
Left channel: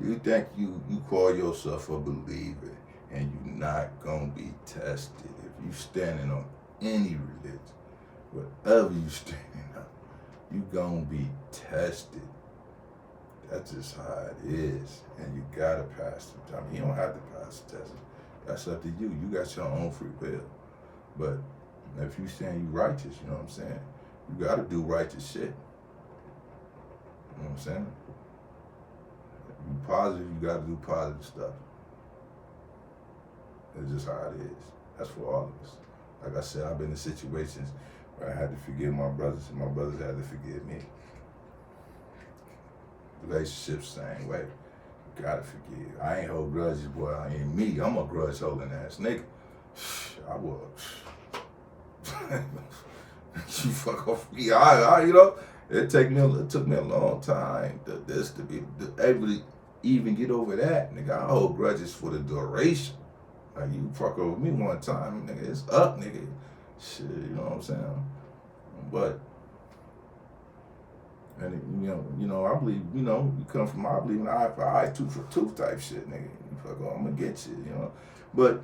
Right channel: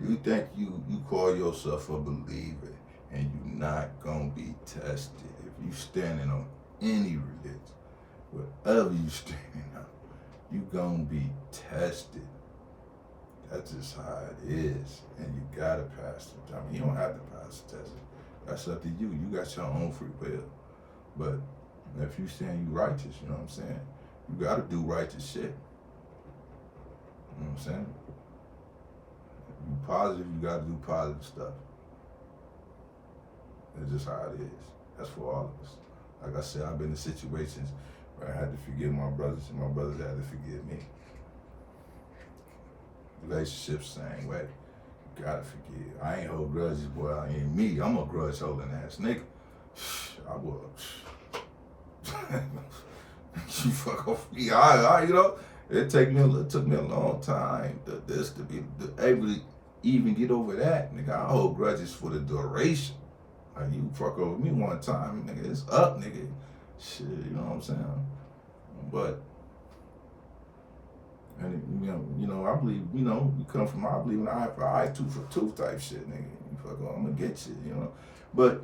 You think you call yourself a believer and you not gonna be tested. If you standing on any religion, whatever you standing on, you gonna be tested. That's just how it is. And you gotta pass the time. You don't have to pass the test. That's up to you. You got your own free will. But if you saying you righteous, you know what I'm saying? You gotta do righteous shit. You know what I'm saying? If you positive, you gotta do positive stuff. It's just how it is. That's for all of us. Like I said, I've been in situations where I had to forgive my brothers and my brothers had to forgive me. Relationships, same way. You gotta forgive. I ain't hold grudges, boy. I ain't me. I'm a grudge holding ass nigga. I was. You fuck off me. I you know, it took me a long time to be able to even get over that. Nigga, I hold grudges for the duration. Like, you fuck over me one time, nigga, it's up, nigga. Shit, you know what I'm saying? But, and you know, I believe, you know, you come from, I believe in eye for eye, tooth for tooth type shit, nigga. You fuck off, I'm gonna get you, you know? But,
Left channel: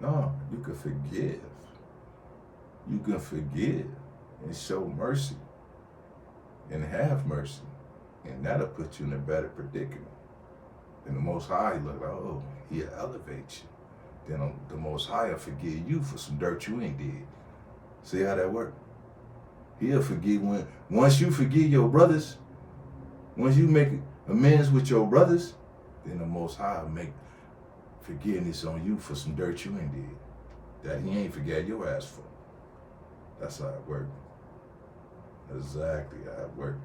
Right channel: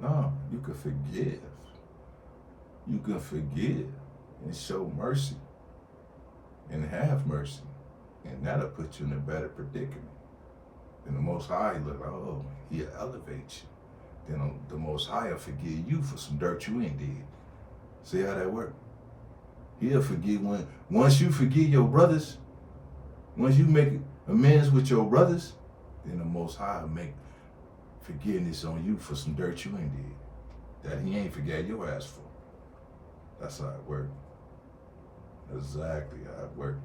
no, you can forgive. You can forgive and show mercy and have mercy. And that'll put you in a better predicament. And the Most High look like, oh, he'll elevate you. Then the Most High will forgive you for some dirt you ain't did. See how that work? He'll forgive once you forgive your brothers, once you make amends with your brothers, then the Most High will make forgiveness on you for some dirt you ain't did. That he ain't forget your ass for. That's how it work. Exactly how it work.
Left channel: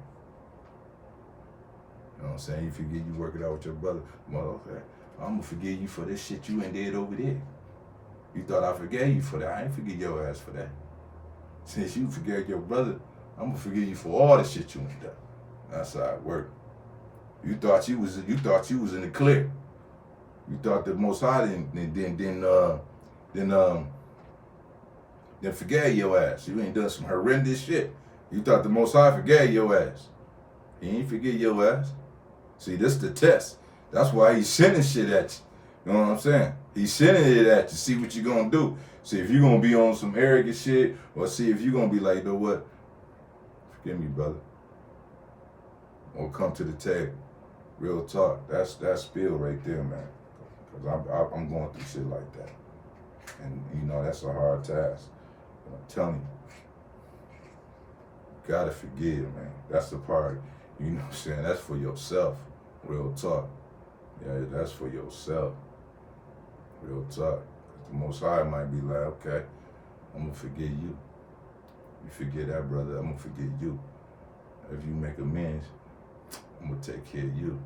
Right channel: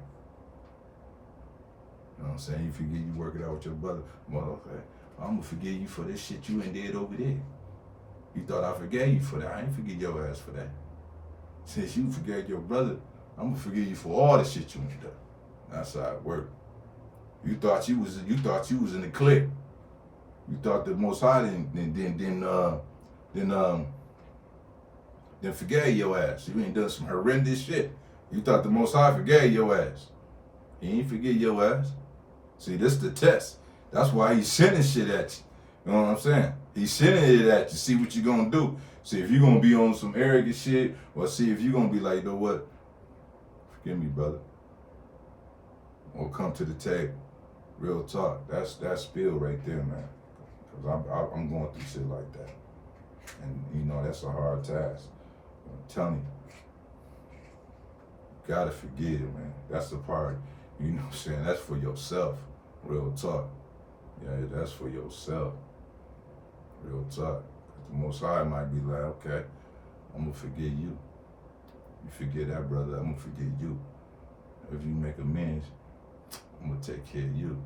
You know what I'm saying? You forget you work it out with your brother. Well, okay. I'm gonna forgive you for this shit you ain't did over there. You thought I forgave you for that. I ain't forgive your ass for that. Since you forgave your brother, I'm gonna forgive you for all the shit you ain't done. That's how it work. You thought you was in the clear. You thought the Most High then forgave your ass. You ain't done some horrendous shit. You thought the Most High forgave your ass. He ain't forgive your ass. See, this the test. That's why he's sending shit at you. You know what I'm saying? He's sending it at you. See what you're gonna do. See if you're gonna be on some arrogant shit, or see if you're gonna be like, you know what? Forgive me, brother. Or come to the table. Real talk. That's spill right there, man. Because I'm going through shit like that. And, you know, that's a hard task. I'm telling you. You gotta forgive, man. That's the part, you know what I'm saying? That's for yourself. Real talk. Yeah, that's for yourself. Real talk. The Most High might be like, okay, I'm gonna forgive you. You forgive that brother, I'm gonna forgive you. If you make amends, I'm gonna take care of you.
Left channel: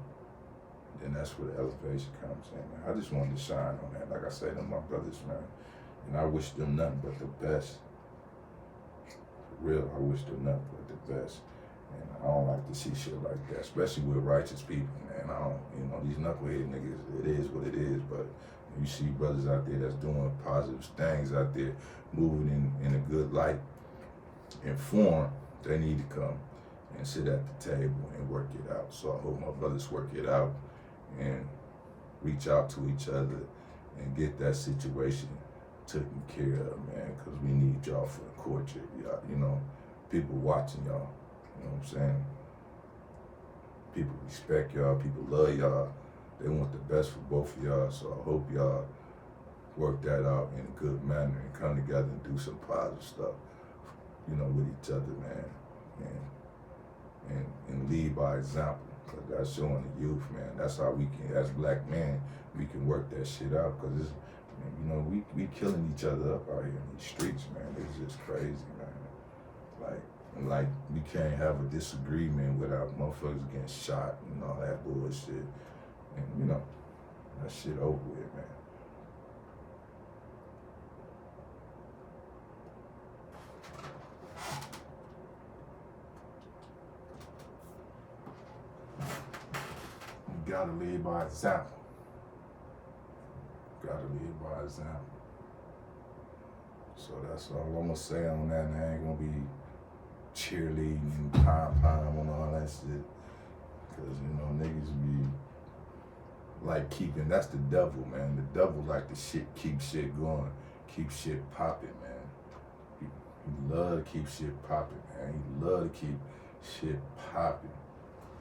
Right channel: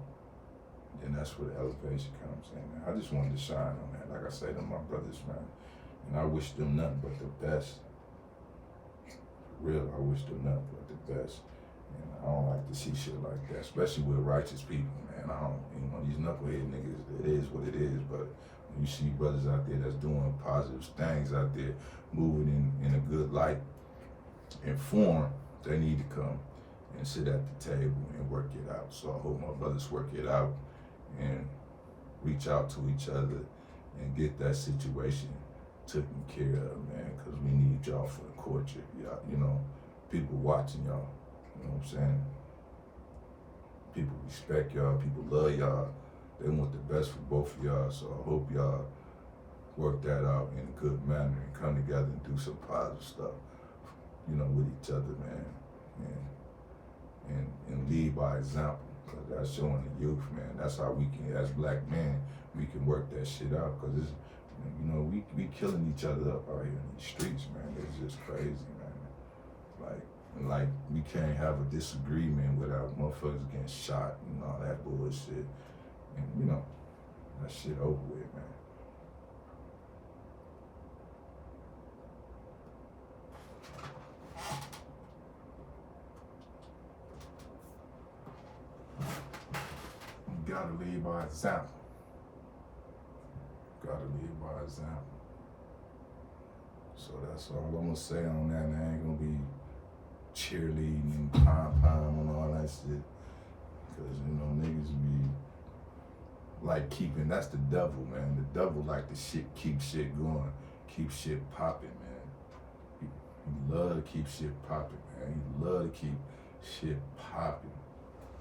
Then that's where the elevation comes in, man. I just wanted to shine on that. Like I said to my brothers, man. And I wish them nothing but the best. For real, I wish them nothing but the best. And I don't like to see shit like that, especially with righteous people, man. I don't, you know, these knucklehead niggas, it is what it is, but when you see brothers out there that's doing positive things out there, moving in a good light, informed, they need to come and sit at the table and work it out. So I hope my brothers work it out and reach out to each other and get that situation taken care of, man, because we need y'all for the courtship, y'all. You know, people watching y'all, you know what I'm saying? People respect y'all, people love y'all. They want the best for both of y'all, so I hope y'all work that out in a good manner and come together and do some positive stuff, you know, with each other, man, and lead by example, because that's showing the youth, man. That's how we can, as black men, we can work that shit out, because it's, you know, we killing each other up out here in these streets, man. It's just crazy, man. Like we can't have a disagreement without motherfuckers getting shot and all that bullshit. And you know, that shit over with, man. You gotta lead by example. Gotta lead by example. So that's all I'm gonna say on that, and I ain't gonna be cheerleading and pom-pom and all that shit. Cause you know, niggas be like that's the devil, man. The devil like to keep shit going, keep shit popping, man. He love to keep shit popping, man. He love to keep shit popping.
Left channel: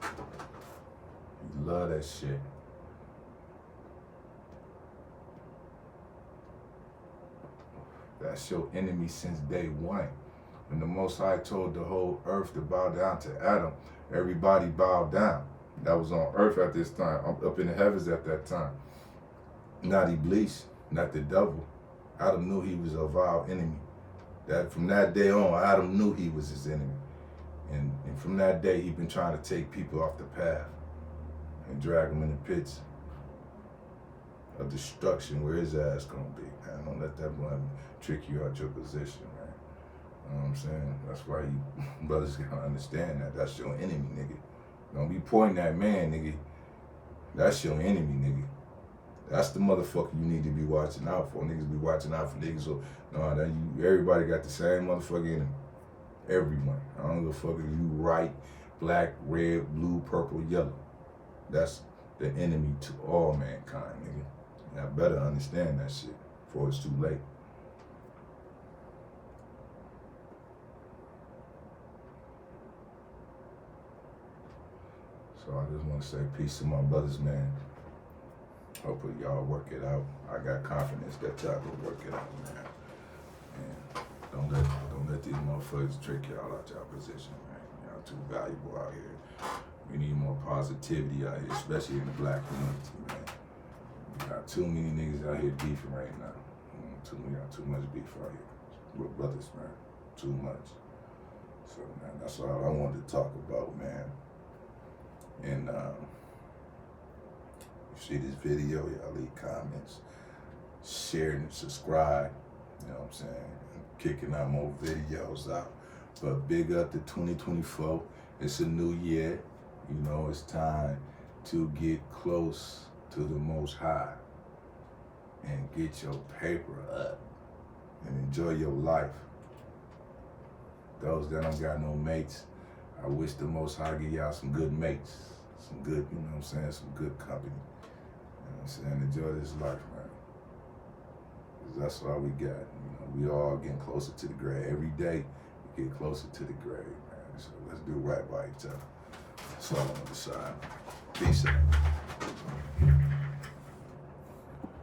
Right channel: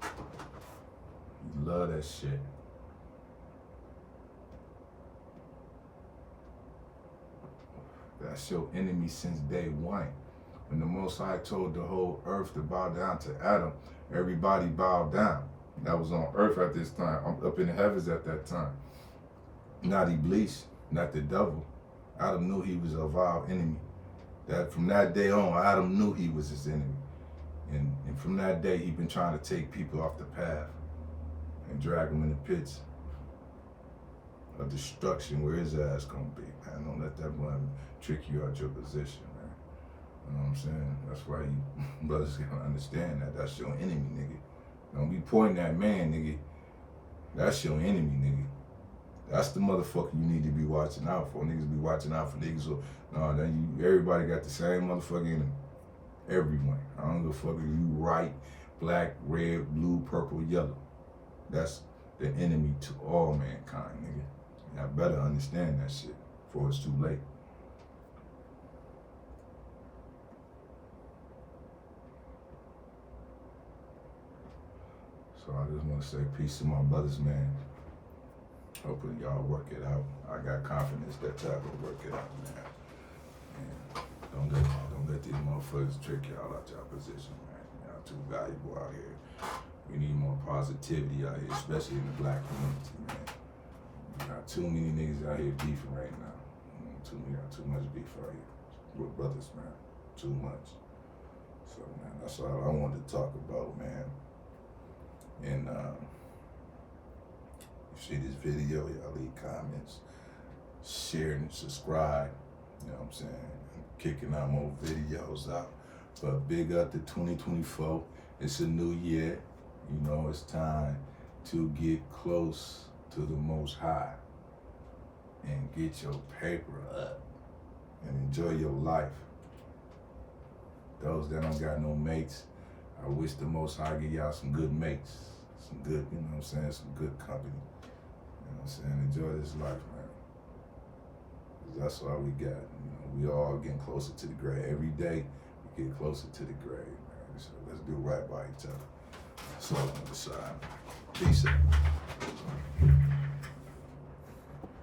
He love that shit. That's your enemy since day one. When the Most High told the whole earth to bow down to Adam, everybody bowed down. That was on earth at this time. I'm up in the heavens at that time. Not Iblis, not the devil. Adam knew he was a vile enemy. That from that day on, Adam knew he was his enemy. And from that day, he been trying to take people off the path and drag them in the pits of destruction where his ass gonna be. Man, don't let that one trick you out your position, man. You know what I'm saying? That's why you brothers gotta understand that. That's your enemy, nigga. Don't be pointing at man, nigga. That's your enemy, nigga. That's the motherfucker you need to be watching out for. Niggas be watching out for niggas. So, no, everybody got the same motherfucker enemy. Everyone. I don't give a fuck if you white, black, red, blue, purple, yellow. That's the enemy to all mankind, nigga. And I better understand that shit before it's too late. So I just want to say peace to my brothers, man. Hopefully y'all work it out. I got confidence that y'all will work it out, man. And don't let these motherfuckers trick y'all out y'all position, man. Y'all too valuable out here. We need more positivity out here, especially in the black community, man. We got too many niggas out here beefing right now. We got too much beef out here. We're brothers, man. Too much. So, man, that's all I wanted to talk about, man. And you see this video, y'all leave comments, share and subscribe. You know what I'm saying? I'm kicking out more videos out. But big up to 2024. It's a new year. You know, it's time to get close to the Most High and get your paper up and enjoy your life. Those that don't got no mates, I wish the Most High give y'all some good mates, some good, you know what I'm saying, some good company. You know what I'm saying? Enjoy this life, man. 'Cause that's all we got. You know, we all getting closer to the grave. Every day, we get closer to the grave, man. So let's do right by each other. That's all on the side. Peace out.